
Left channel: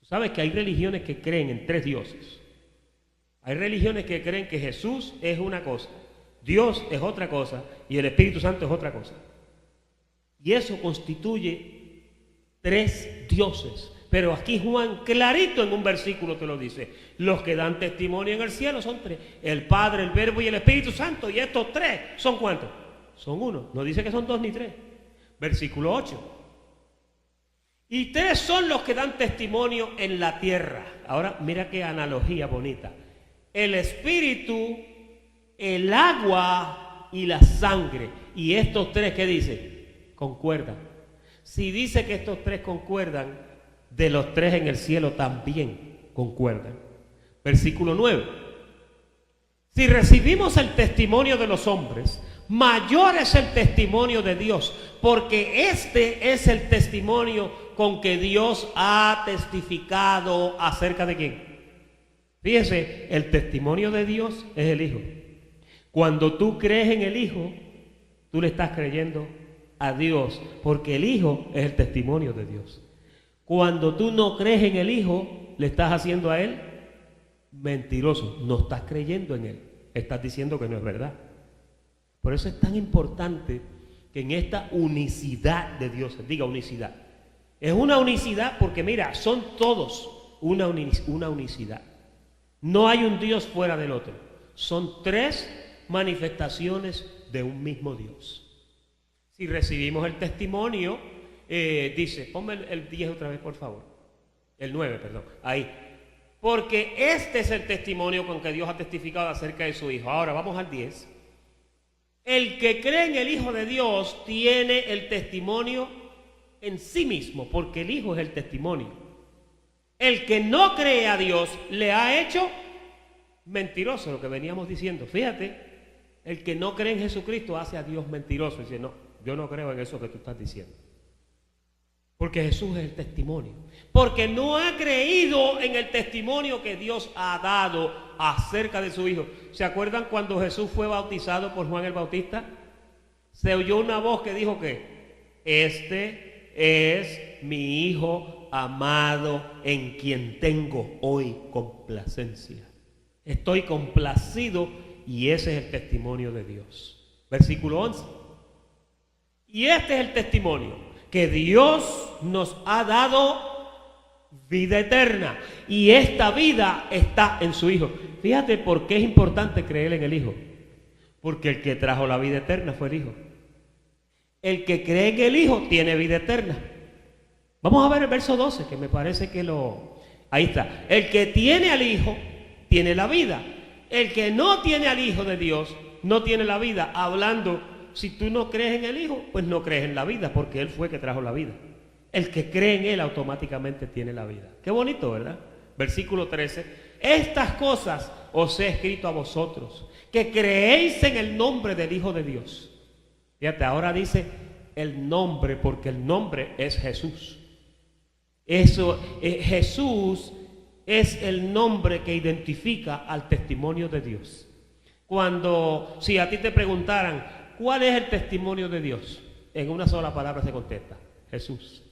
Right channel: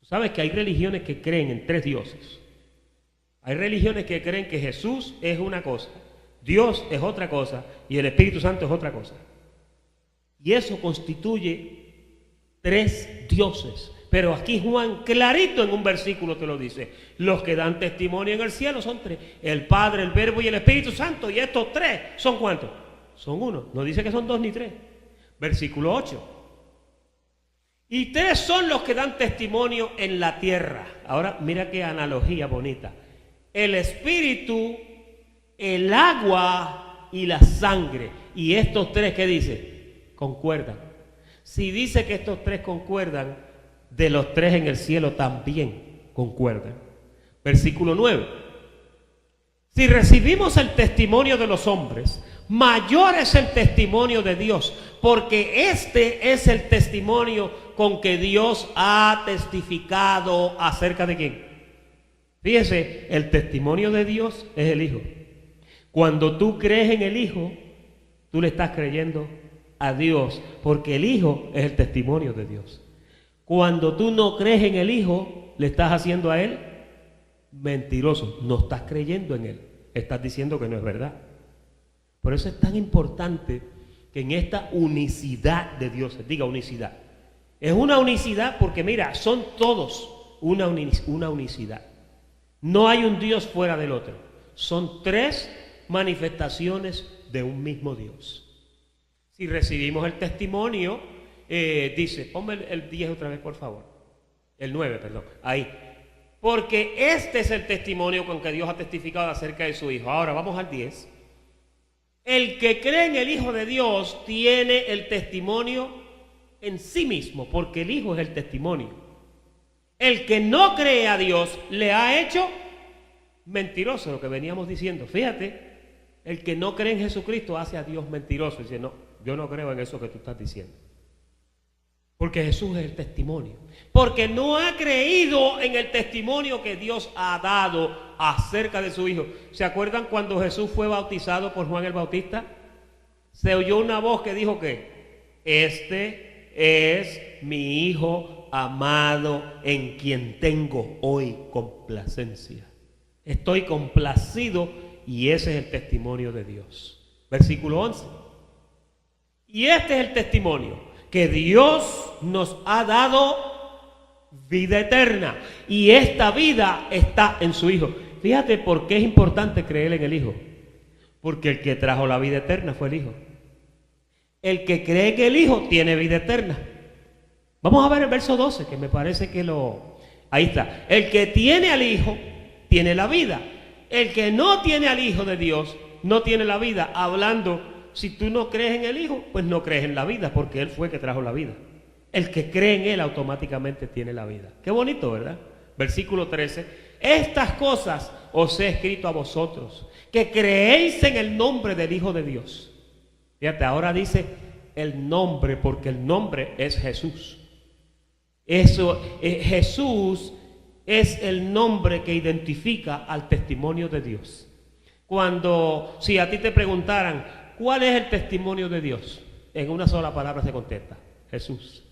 Tú sabes que hay religiones que creen en 3 dioses. Hay religiones que creen que Jesús es una cosa, Dios es otra cosa y el Espíritu Santo es otra cosa. Y eso constituye 3 dioses. Pero aquí Juan clarito en un versículo te lo dice. Los que dan testimonio en el cielo son 3. El Padre, el Verbo y el Espíritu Santo. Y estos 3 son ¿cuántos? Son 1. No dice que son 2 ni 3. Versículo 8. Y 3 son los que dan testimonio en la tierra. Ahora mira qué analogía bonita. El Espíritu, el agua y la sangre. Y estos 3, ¿qué dice? Concuerdan. Si dice que estos 3 concuerdan, de los 3 en el cielo también concuerdan. Versículo 9. Si recibimos el testimonio de los hombres, mayor es el testimonio de Dios, porque este es el testimonio con que Dios ha testificado acerca de quién. Fíjese, el testimonio de Dios es el Hijo. Cuando tú crees en el Hijo, tú le estás creyendo a Dios, porque el Hijo es el testimonio de Dios. Cuando tú no crees en el Hijo, le estás haciendo a Él mentiroso. No estás creyendo en Él. Estás diciendo que no es verdad. Por eso es tan importante que en esta unicidad de Dios, diga unicidad. Es una unicidad porque mira, son todos una unicidad. No hay un Dios fuera del otro. Son 3 manifestaciones de un mismo Dios. Si recibimos el testimonio, dice, ponme el 10 otra vez por favor, el 9, perdón, ahí, porque este es el testimonio con que Dios ha testificado acerca de su Hijo. Ahora vamos al 10. El que cree en el Hijo de Dios tiene el testimonio en sí mismo, porque el Hijo es el testimonio. El que no cree a Dios le ha hecho mentiroso, lo que veníamos diciendo. Fíjate, el que no cree en Jesucristo hace a Dios mentiroso. Dice, no, yo no creo en eso que tú estás diciendo. Porque Jesús es el testimonio. Porque no ha creído en el testimonio que Dios ha dado acerca de su Hijo. ¿Se acuerdan cuando Jesús fue bautizado por Juan el Bautista? Se oyó una voz que dijo que este es mi Hijo amado en quien tengo hoy complacencia. Estoy complacido y ese es el testimonio de Dios. Versículo 11. Y este es el testimonio, que Dios nos ha dado vida eterna y esta vida está en su Hijo. Fíjate por qué es importante creer en el Hijo. Porque el que trajo la vida eterna fue el Hijo. El que cree en el Hijo tiene vida eterna. Vamos a ver el verso 12, que me parece que ahí está. El que tiene al Hijo tiene la vida. El que no tiene al Hijo de Dios no tiene la vida. Hablando, si tú no crees en el Hijo, pues no crees en la vida, porque Él fue que trajo la vida. El que cree en Él automáticamente tiene la vida. Qué bonito, ¿verdad? Versículo 13. Estas cosas os he escrito a vosotros, que creéis en el nombre del Hijo de Dios. Fíjate, ahora dice el nombre, porque el nombre es Jesús. Jesús es el nombre que identifica al testimonio de Dios. Si a ti te preguntaran, ¿cuál es el testimonio de Dios? En una sola palabra se contesta, Jesús.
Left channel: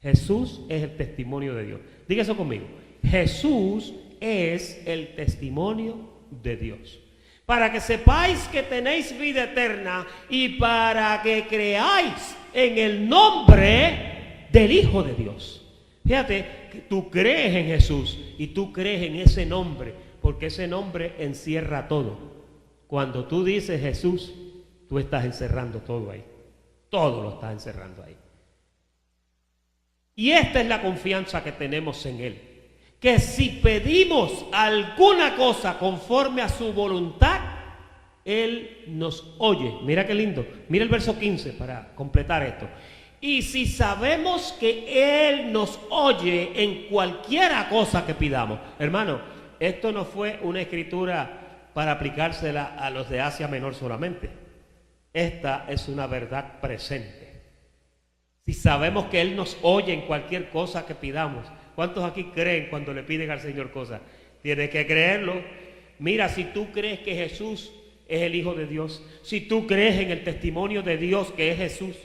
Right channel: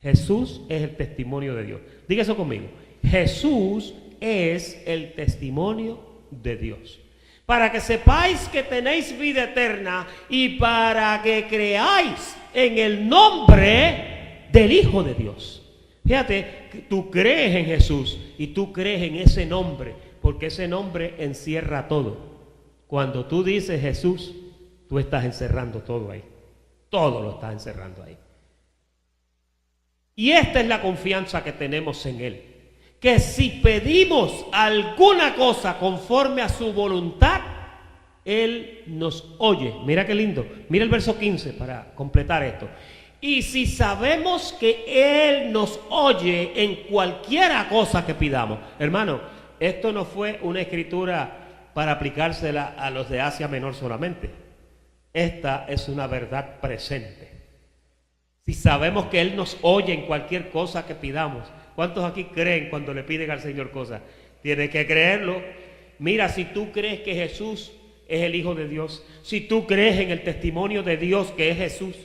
Jesús es el testimonio de Dios. Diga eso conmigo. Jesús es el testimonio de Dios. para que sepáis que tenéis vida eterna y para que creáis en el nombre del Hijo de Dios. Fíjate, que tú crees en Jesús y tú crees en ese nombre, porque ese nombre encierra todo. Cuando tú dices Jesús, tú estás encerrando todo ahí. Todo lo estás encerrando ahí. Y esta es la confianza que tenemos en Él. Que si pedimos alguna cosa conforme a su voluntad, Él nos oye. Mira qué lindo. Mira el verso 15 para completar esto. Y si sabemos que Él nos oye en cualquiera cosa que pidamos. Hermano, esto no fue una escritura para aplicársela a los de Asia Menor solamente. Esta es una verdad presente. Si sabemos que Él nos oye en cualquier cosa que pidamos. ¿Cuántos aquí creen cuando le piden al Señor cosas? Tienes que creerlo. Mira, si tú crees que Jesús es el Hijo de Dios, si tú crees en el testimonio de Dios que es Jesús,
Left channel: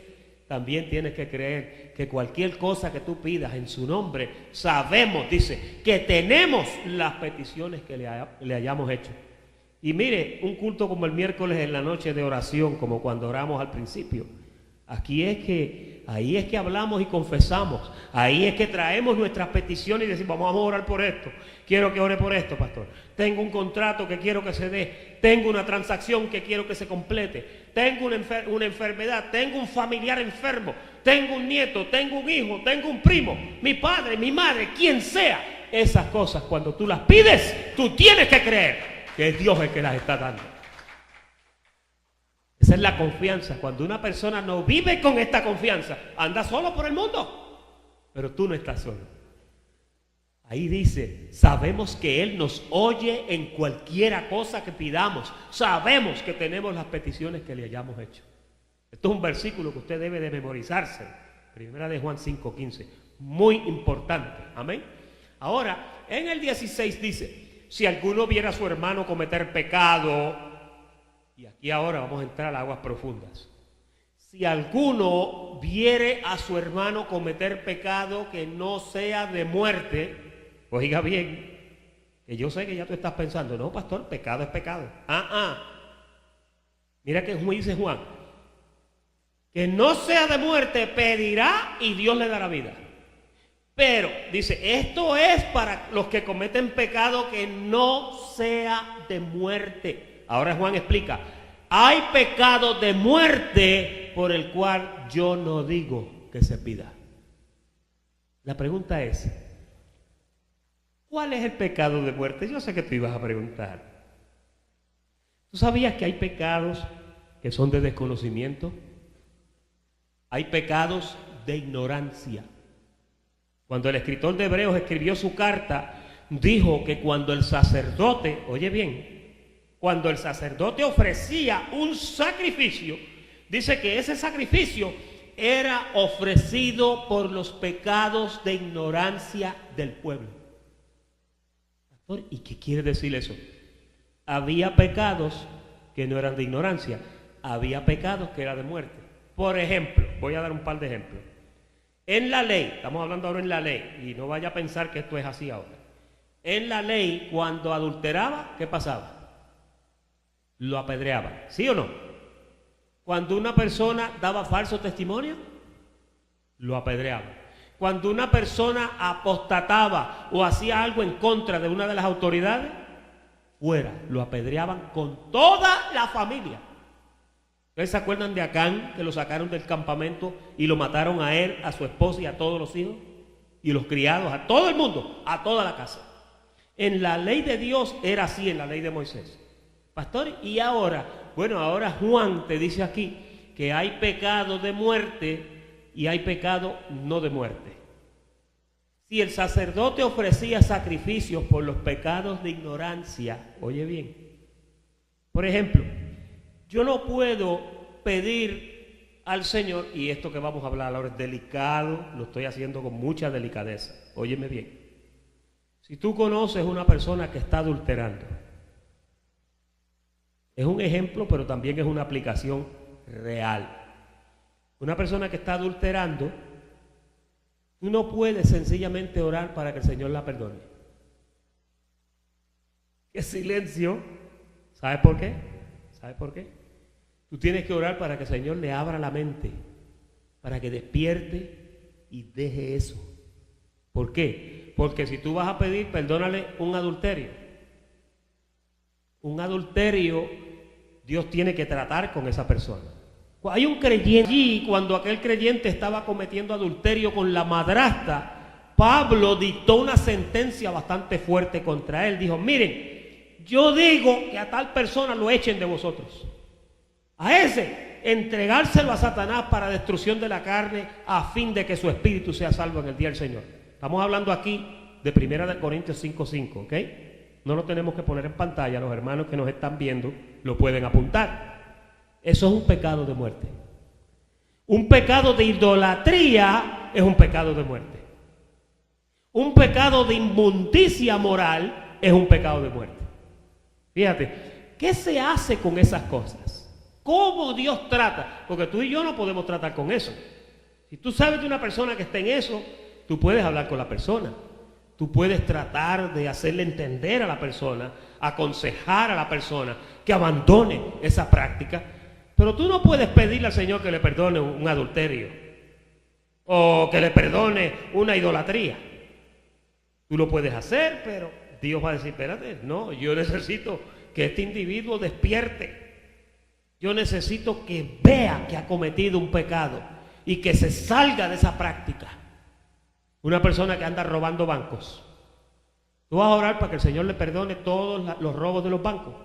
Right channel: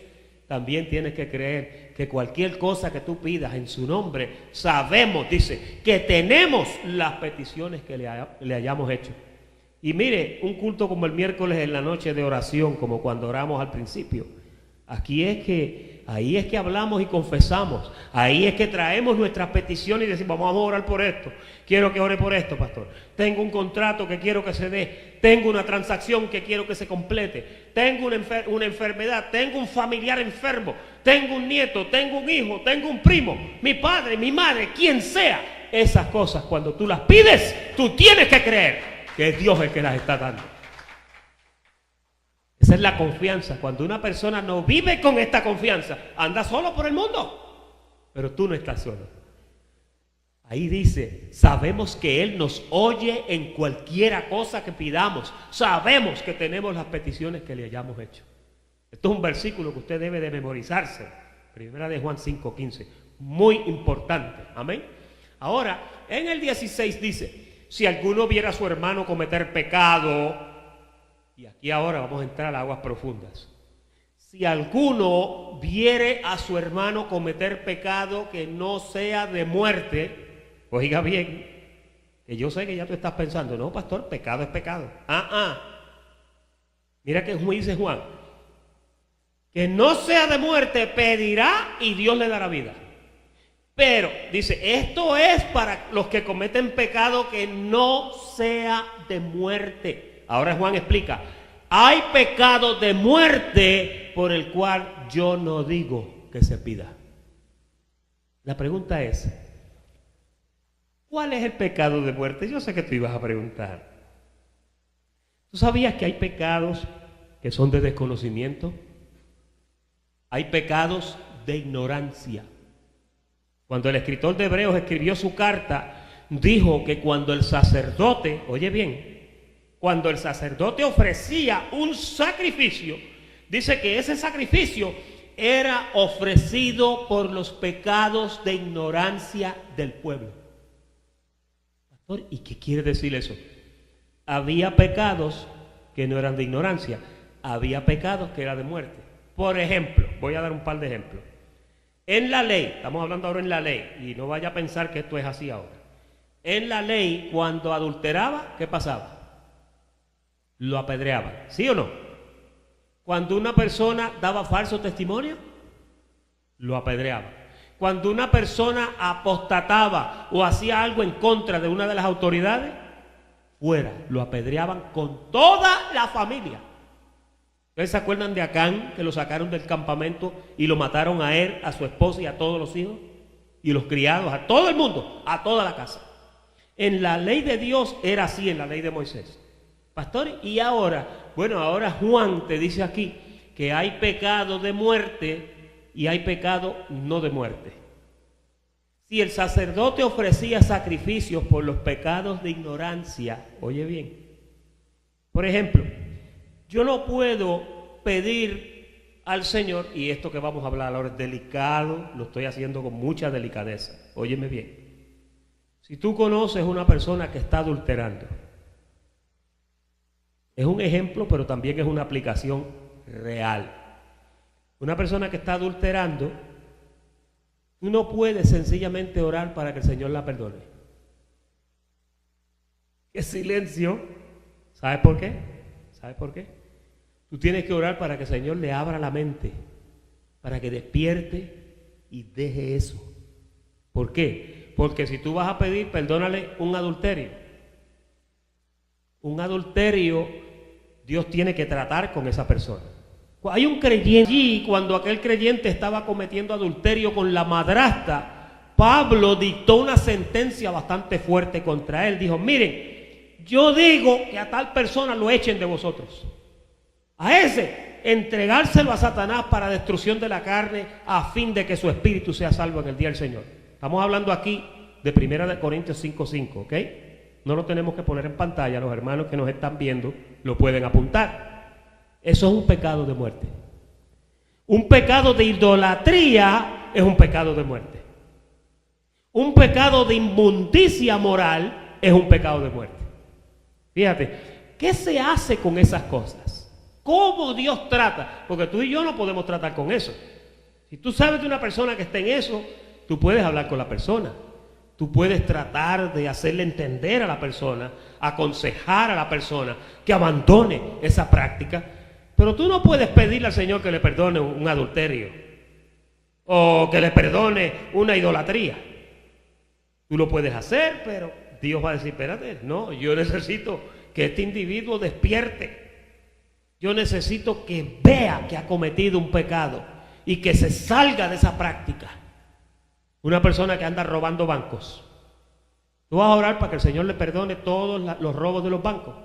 también tienes que creer que cualquier cosa que tú pidas en su nombre, sabemos, dice, que tenemos las peticiones que le hayamos hecho. Y mire, un culto como el miércoles en la noche de oración, como cuando oramos al principio, ahí es que hablamos y confesamos, ahí es que traemos nuestras peticiones y decimos, vamos a orar por esto, quiero que ore por esto, pastor, tengo un contrato que quiero que se dé, tengo una transacción que quiero que se complete, tengo una enfermedad, tengo un familiar enfermo, tengo un nieto, tengo un hijo, tengo un primo, mi padre, mi madre, quien sea. Esas cosas cuando tú las pides, tú tienes que creer que es Dios el que las está dando. Esa es la confianza. Cuando una persona no vive con esta confianza, anda solo por el mundo, pero tú no estás solo. Ahí dice, sabemos que Él nos oye en cualquiera cosa que pidamos. Sabemos que tenemos las peticiones que le hayamos hecho. Esto es un versículo que usted debe de memorizarse. Primera de Juan 5:15. Muy importante. Amén. Ahora, en el 16 dice, si alguno viera a su hermano cometer pecado, y aquí ahora vamos a entrar a aguas profundas. Si alguno viere a su hermano cometer pecado que no sea de muerte, oiga bien, que yo sé que ya tú estás pensando, no, pastor, pecado es pecado. Mira que dice Juan, que no sea de muerte, pedirá y Dios le dará vida. Pero, dice, esto es para los que cometen pecado que no sea de muerte. Ahora Juan explica, hay pecado de muerte por el cual yo no digo que se pida. La pregunta es, ¿cuál es el pecado de muerte? Yo sé que tú ibas a preguntar. ¿Tú sabías que hay pecados que son de desconocimiento? Hay pecados de ignorancia. Cuando el escritor de Hebreos escribió su carta, dijo que cuando el sacerdote, oye bien, cuando el sacerdote ofrecía un sacrificio, dice que ese sacrificio era ofrecido por los pecados de ignorancia del pueblo. ¿Y qué quiere decir eso? Había pecados que no eran de ignorancia, había pecados que eran de muerte. Por ejemplo, voy a dar un par de ejemplos. En la ley, estamos hablando ahora en la ley, y no vaya a pensar que esto es así ahora. En la ley, cuando adulteraba, ¿qué pasaba? Lo apedreaban, ¿sí o no? Cuando una persona daba falso testimonio, lo apedreaban. Cuando una persona apostataba o hacía algo en contra de una de las autoridades, fuera, lo apedreaban con toda la familia. ¿Ustedes se acuerdan de Acán, que lo sacaron del campamento y lo mataron a él, a su esposa y a todos los hijos? Y los criados, a todo el mundo, a toda la casa. En la ley de Dios era así, en la ley de Moisés. Pastor, y ahora, bueno, ahora Juan te dice aquí que hay pecado de muerte y hay pecado no de muerte. Si el sacerdote ofrecía sacrificios por los pecados de ignorancia, oye bien, por ejemplo, yo no puedo pedir al Señor, y esto que vamos a hablar ahora es delicado, lo estoy haciendo con mucha delicadeza, óyeme bien. Si tú conoces una persona que está adulterando, es un ejemplo, pero también es una aplicación real. Una persona que está adulterando, tú no puedes sencillamente orar para que el Señor la perdone. ¡Qué silencio! ¿Sabes por qué? ¿Sabes por qué? Tú tienes que orar para que el Señor le abra la mente, para que despierte y deje eso. ¿Por qué? Porque si tú vas a pedir, perdónale un adulterio. Un adulterio, Dios tiene que tratar con esa persona. Hay un creyente allí, cuando aquel creyente estaba cometiendo adulterio con la madrastra, Pablo dictó una sentencia bastante fuerte contra él. Dijo, miren, yo digo que a tal persona lo echen de vosotros. A ese, entregárselo a Satanás para destrucción de la carne, a fin de que su espíritu sea salvo en el día del Señor. Estamos hablando aquí de 1 Corintios 5:5, ¿ok? No lo tenemos que poner en pantalla, los hermanos que nos están viendo lo pueden apuntar. Eso es un pecado de muerte. Un pecado de idolatría es un pecado de muerte. Un pecado de inmundicia moral es un pecado de muerte. Fíjate, ¿qué se hace con esas cosas? ¿Cómo Dios trata? Porque tú y yo no podemos tratar con eso. Si tú sabes de una persona que está en eso, tú puedes hablar con la persona. Tú puedes tratar de hacerle entender a la persona, aconsejar a la persona que abandone esa práctica. Pero tú no puedes pedirle al Señor que le perdone un adulterio o que le perdone una idolatría. Tú lo puedes hacer, pero Dios va a decir, espérate, no, yo necesito que este individuo despierte. Yo necesito que vea que ha cometido un pecado y que se salga de esa práctica. Una persona que anda robando bancos. Tú vas a orar para que el Señor le perdone todos los robos de los bancos.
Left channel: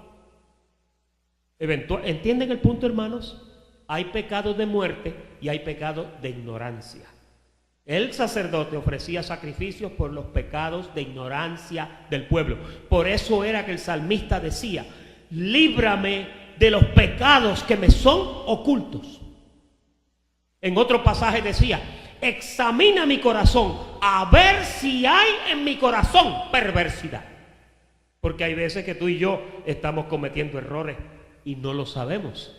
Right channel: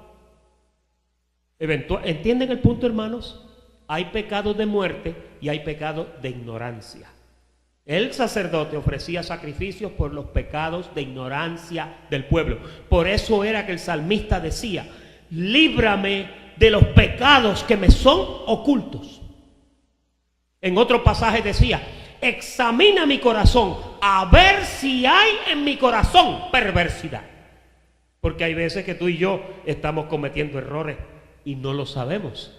¿Entienden el punto, hermanos? Hay pecados de muerte y hay pecados de ignorancia. El sacerdote ofrecía sacrificios por los pecados de ignorancia del pueblo. Por eso era que el salmista decía, líbrame de los pecados que me son ocultos. En otro pasaje decía, examina mi corazón a ver si hay en mi corazón perversidad. Porque hay veces que tú y yo estamos cometiendo errores y no lo sabemos.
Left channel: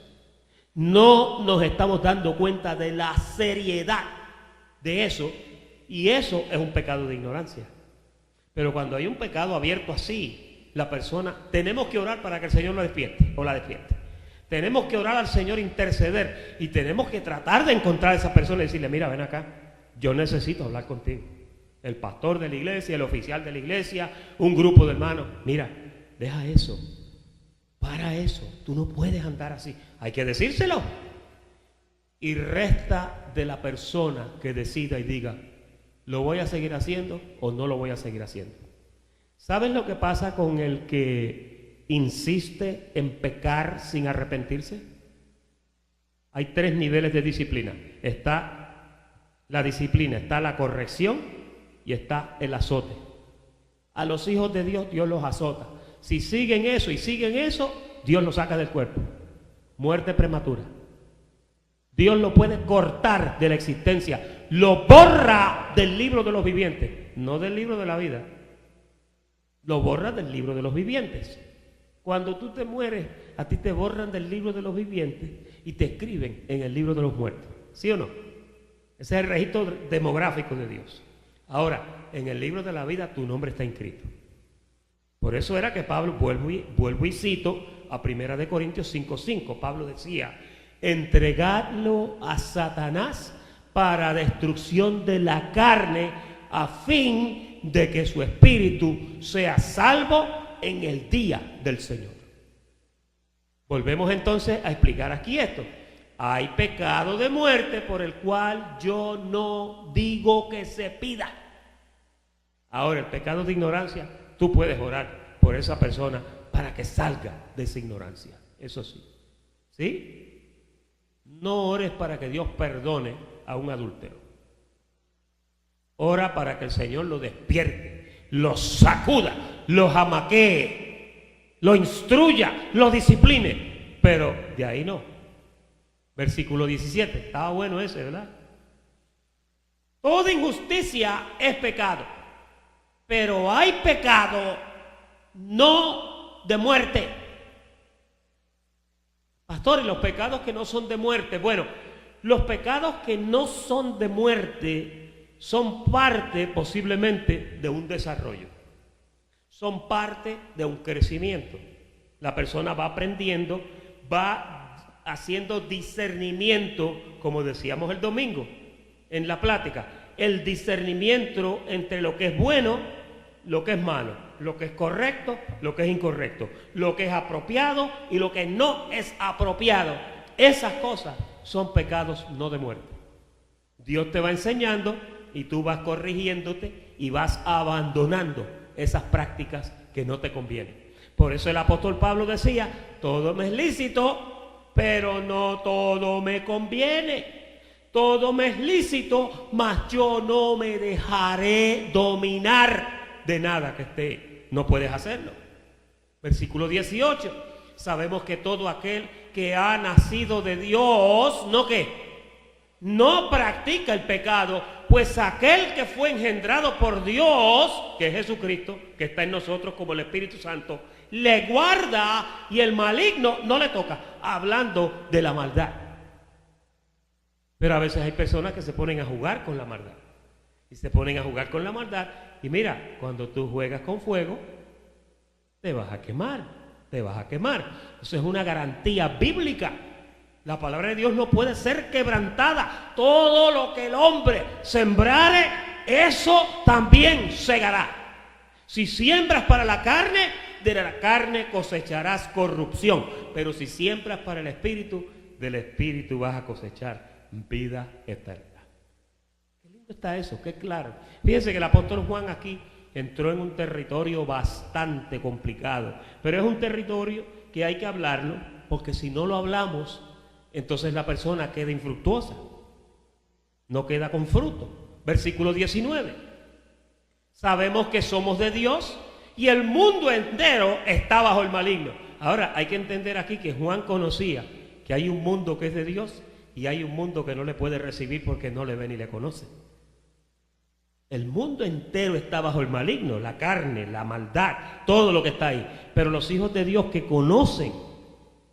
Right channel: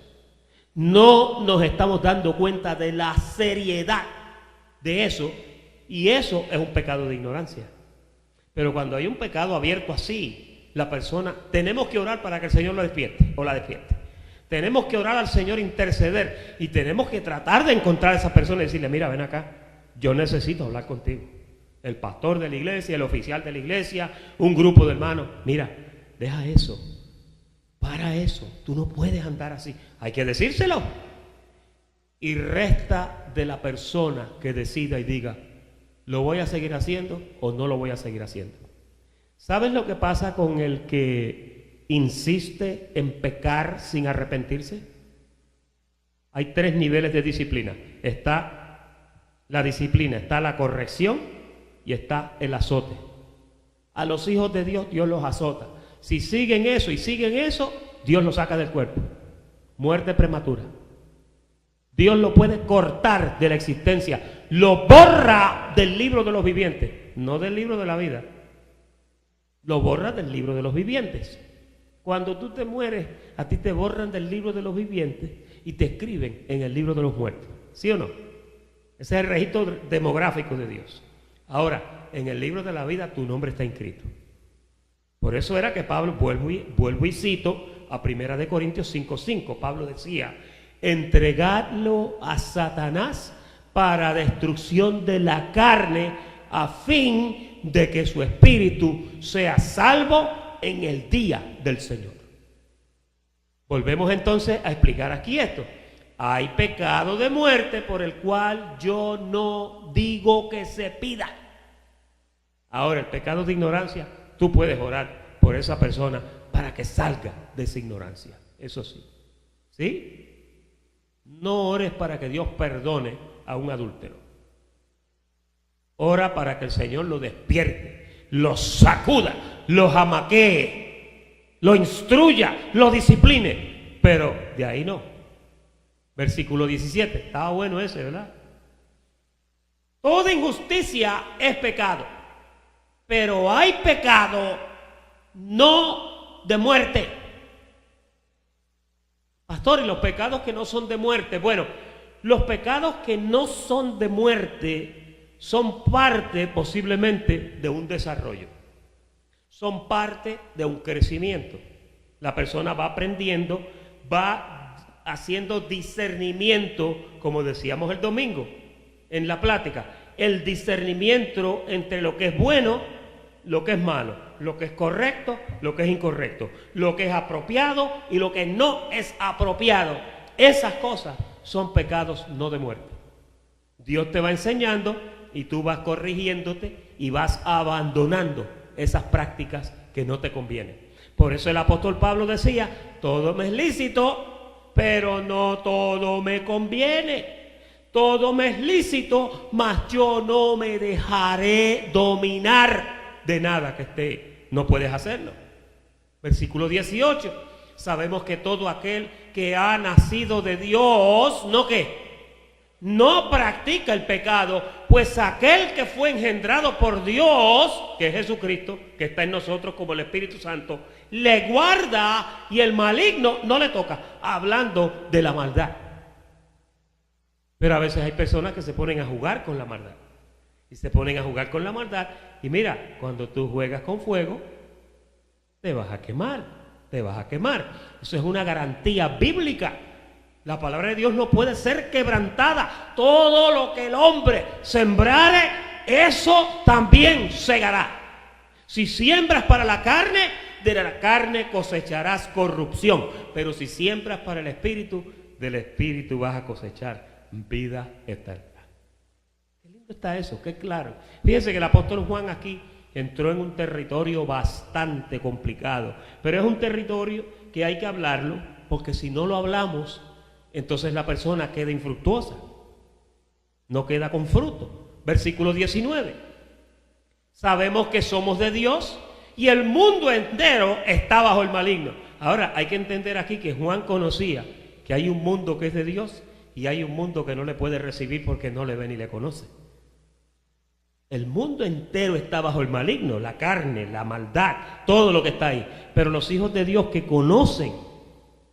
No nos estamos dando cuenta de la seriedad de eso, y eso es un pecado de ignorancia. Pero cuando hay un pecado abierto así, la persona, tenemos que orar para que el Señor lo despierte o la despierte. Tenemos que orar al Señor, interceder, y tenemos que tratar de encontrar a esa persona y decirle, mira, ven acá, yo necesito hablar contigo. El pastor de la iglesia, el oficial de la iglesia, un grupo de hermanos, mira, deja eso, para eso, tú no puedes andar así. Hay que decírselo. Y resta de la persona que decida y diga, ¿lo voy a seguir haciendo o no lo voy a seguir haciendo? ¿Sabes lo que pasa con el que insiste en pecar sin arrepentirse? Hay 3 niveles de disciplina. Está la disciplina, está la corrección y está el azote. A los hijos de Dios, Dios los azota. Si siguen eso y siguen eso, Dios los saca del cuerpo. Muerte prematura. Dios lo puede cortar de la existencia. Lo borra del libro de los vivientes. No del libro de la vida. Lo borra del libro de los vivientes. Cuando tú te mueres, a ti te borran del libro de los vivientes y te escriben en el libro de los muertos. ¿Sí o no? Ese es el registro demográfico de Dios. Ahora, en el libro de la vida tu nombre está inscrito. Por eso era que Pablo, vuelvo y cito a 1 Corintios 5:5. Pablo decía, entregadlo a Satanás para destrucción de la carne, a fin de que su espíritu sea salvo en el día del Señor. Volvemos entonces a explicar aquí esto. Hay pecado de muerte por el cual yo no digo que se pida. Ahora, el pecado de ignorancia, tú puedes orar por esa persona para que salga de esa ignorancia. Eso sí. ¿Sí? No ores para que Dios perdone a un adúltero. Ora para que el Señor lo despierte, lo sacuda, lo jamaquee, lo instruya, lo discipline. Pero de ahí no. Versículo 17. Estaba bueno ese, ¿verdad? Toda injusticia es pecado, pero hay pecado no de muerte. Pastor, ¿y los pecados que no son de muerte? Bueno, los pecados que no son de muerte son parte posiblemente de un desarrollo. Son parte de un crecimiento. La persona va aprendiendo, va haciendo discernimiento, como decíamos el domingo en la plática, el discernimiento entre lo que es bueno, lo que es malo, lo que es correcto, lo que es incorrecto, lo que es apropiado y lo que no es apropiado. Esas cosas son pecados no de muerte. Dios te va enseñando y tú vas corrigiéndote y vas abandonando esas prácticas que no te convienen. Por eso el apóstol Pablo decía, todo me es lícito, pero no todo me conviene. Todo me es lícito, mas yo no me dejaré dominar de nada que no puedes hacerlo. Versículo 18. Sabemos que todo aquel que ha nacido de Dios, ¿no qué? No practica el pecado, pues aquel que fue engendrado por Dios, que es Jesucristo, que está en nosotros como el Espíritu Santo, le guarda y el maligno no le toca, hablando de la maldad. Pero a veces hay personas que se ponen a jugar con la maldad. Y se ponen a jugar con la maldad. Y mira, cuando tú juegas con fuego, te vas a quemar. Te vas a quemar. Eso es una garantía bíblica. La palabra de Dios no puede ser quebrantada. Todo lo que el hombre sembrare, eso también segará. Si siembras para la carne, de la carne cosecharás corrupción. Pero si siembras para el Espíritu, del Espíritu vas a cosechar vida eterna. Qué lindo está eso, qué claro. Fíjense que el apóstol Juan aquí entró en un territorio bastante complicado, pero es un territorio que hay que hablarlo, porque si no lo hablamos, entonces la persona queda infructuosa, no queda con fruto. Versículo 19. Sabemos que somos de Dios y el mundo entero está bajo el maligno. Ahora hay que entender aquí que Juan conocía que hay un mundo que es de Dios y hay un mundo que no le puede recibir porque no le ve ni le conoce. El mundo entero está bajo el maligno, la carne, la maldad, todo lo que está ahí. Pero los hijos de Dios que conocen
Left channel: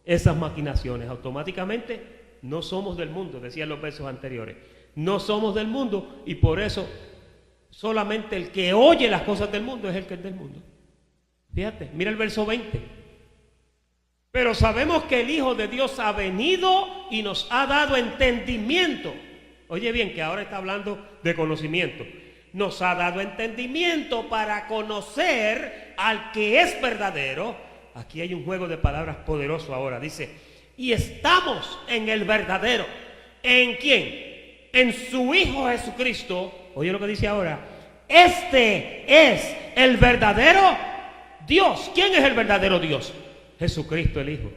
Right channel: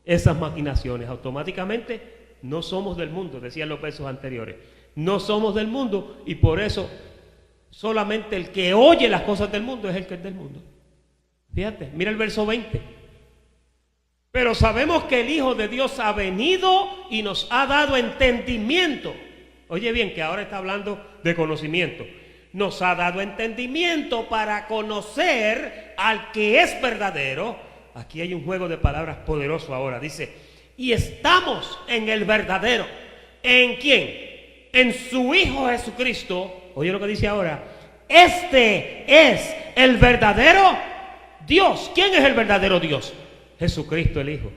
esas maquinaciones, automáticamente no somos del mundo, decían los versos anteriores. No somos del mundo y por eso solamente el que oye las cosas del mundo es el que es del mundo. Fíjate, mira el verso 20. Pero sabemos que el Hijo de Dios ha venido y nos ha dado entendimiento. Oye bien, que ahora está hablando de conocimiento. Nos ha dado entendimiento para conocer al que es verdadero. Aquí hay un juego de palabras poderoso ahora. Dice, y estamos en el verdadero. ¿En quién? En su Hijo Jesucristo. Oye lo que dice ahora. Este es el verdadero Dios. ¿Quién es el verdadero Dios? Jesucristo el Hijo.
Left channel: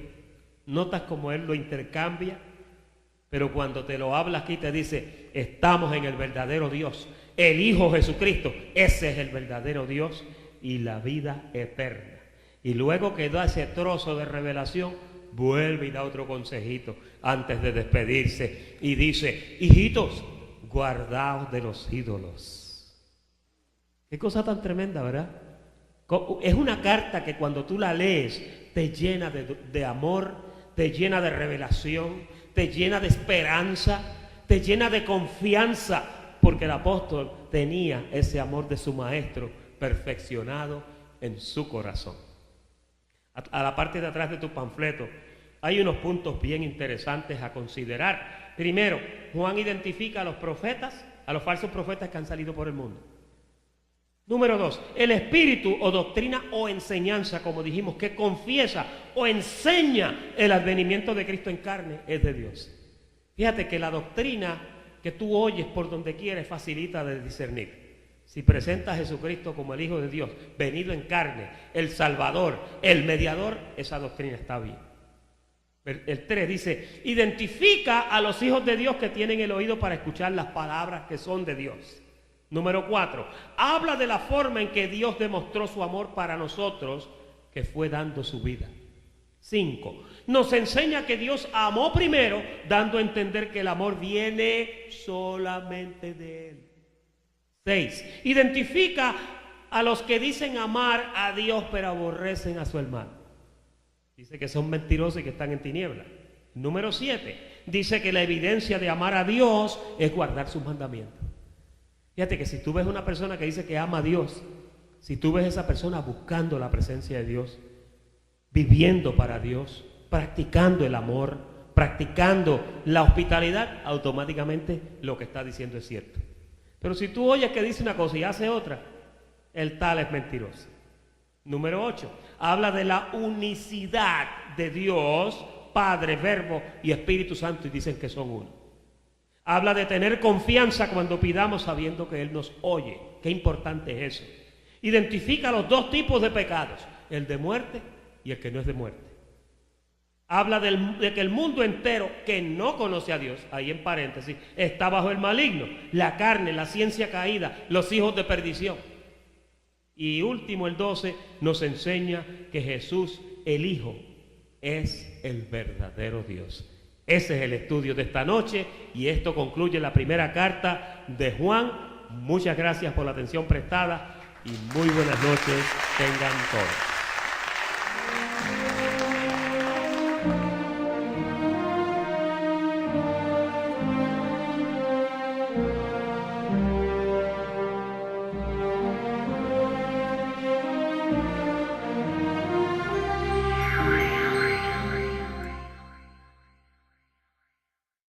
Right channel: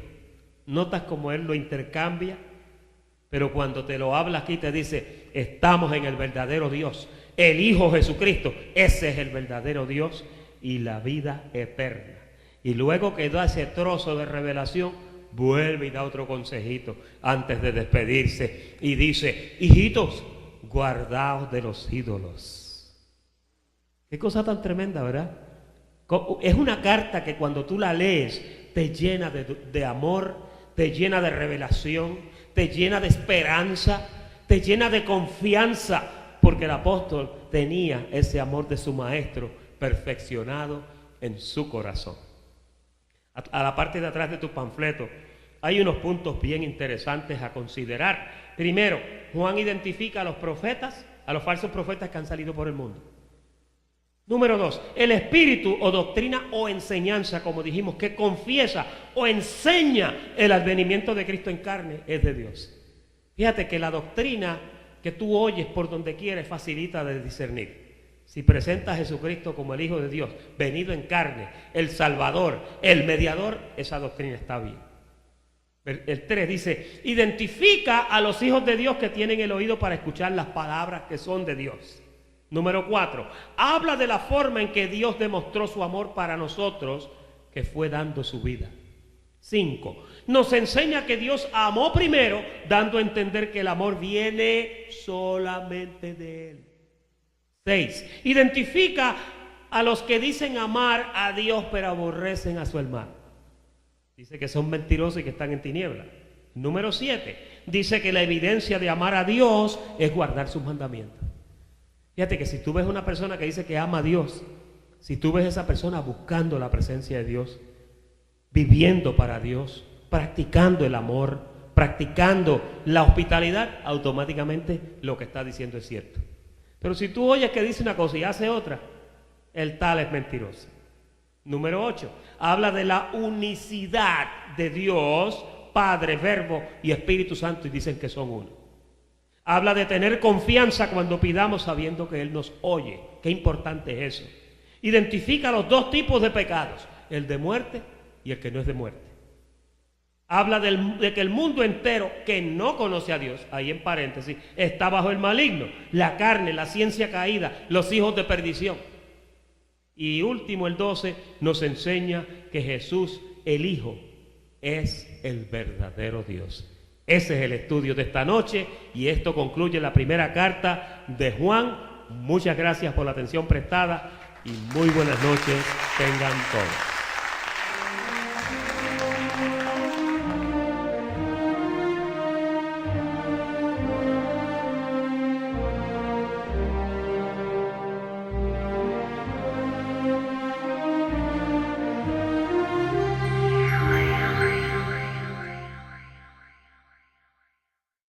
¿Notas cómo Él lo intercambia? Pero cuando te lo habla aquí te dice, estamos en el verdadero Dios. El Hijo Jesucristo, ese es el verdadero Dios y la vida eterna. Y luego que da ese trozo de revelación, vuelve y da otro consejito antes de despedirse. Y dice, hijitos, guardaos de los ídolos. Qué cosa tan tremenda, ¿verdad? Es una carta que cuando tú la lees, te llena de amor, te llena de revelación, te llena de esperanza, te llena de confianza, porque el apóstol tenía ese amor de su maestro perfeccionado en su corazón. A la parte de atrás de tu panfleto hay unos puntos bien interesantes a considerar. Primero, Juan identifica a los profetas, a los falsos profetas que han salido por el mundo. Número 2, el espíritu o doctrina o enseñanza, como dijimos, que confiesa o enseña el advenimiento de Cristo en carne, es de Dios. Fíjate que la doctrina que tú oyes por donde quieres facilita de discernir. Si presentas a Jesucristo como el Hijo de Dios, venido en carne, el Salvador, el mediador, esa doctrina está bien. El 3 dice, identifica a los hijos de Dios que tienen el oído para escuchar las palabras que son de Dios. Número 4, habla de la forma en que Dios demostró su amor para nosotros, que fue dando su vida. 5, nos enseña que Dios amó primero, dando a entender que el amor viene solamente de Él. 6, identifica a los que dicen amar a Dios pero aborrecen a su hermano. Dice que son mentirosos y que están en tinieblas. Número 7, dice que la evidencia de amar a Dios es guardar sus mandamientos. Fíjate que si tú ves una persona que dice que ama a Dios, si tú ves a esa persona buscando la presencia de Dios, viviendo para Dios, practicando el amor, practicando la hospitalidad, automáticamente lo que está diciendo es cierto. Pero si tú oyes que dice una cosa y hace otra, el tal es mentiroso. Número 8, habla de la unicidad de Dios, Padre, Verbo y Espíritu Santo, y dicen que son uno. Habla de tener confianza cuando pidamos sabiendo que Él nos oye. Qué importante es eso. Identifica los dos tipos de pecados, el de muerte y el que no es de muerte. Habla de que el mundo entero que no conoce a Dios, ahí en paréntesis, está bajo el maligno, la carne, la ciencia caída, los hijos de perdición. Y último, el 12, nos enseña que Jesús, el Hijo, es el verdadero Dios. Ese es el estudio de esta noche y esto concluye la primera carta de Juan. Muchas gracias por la atención prestada y muy buenas noches tengan todos.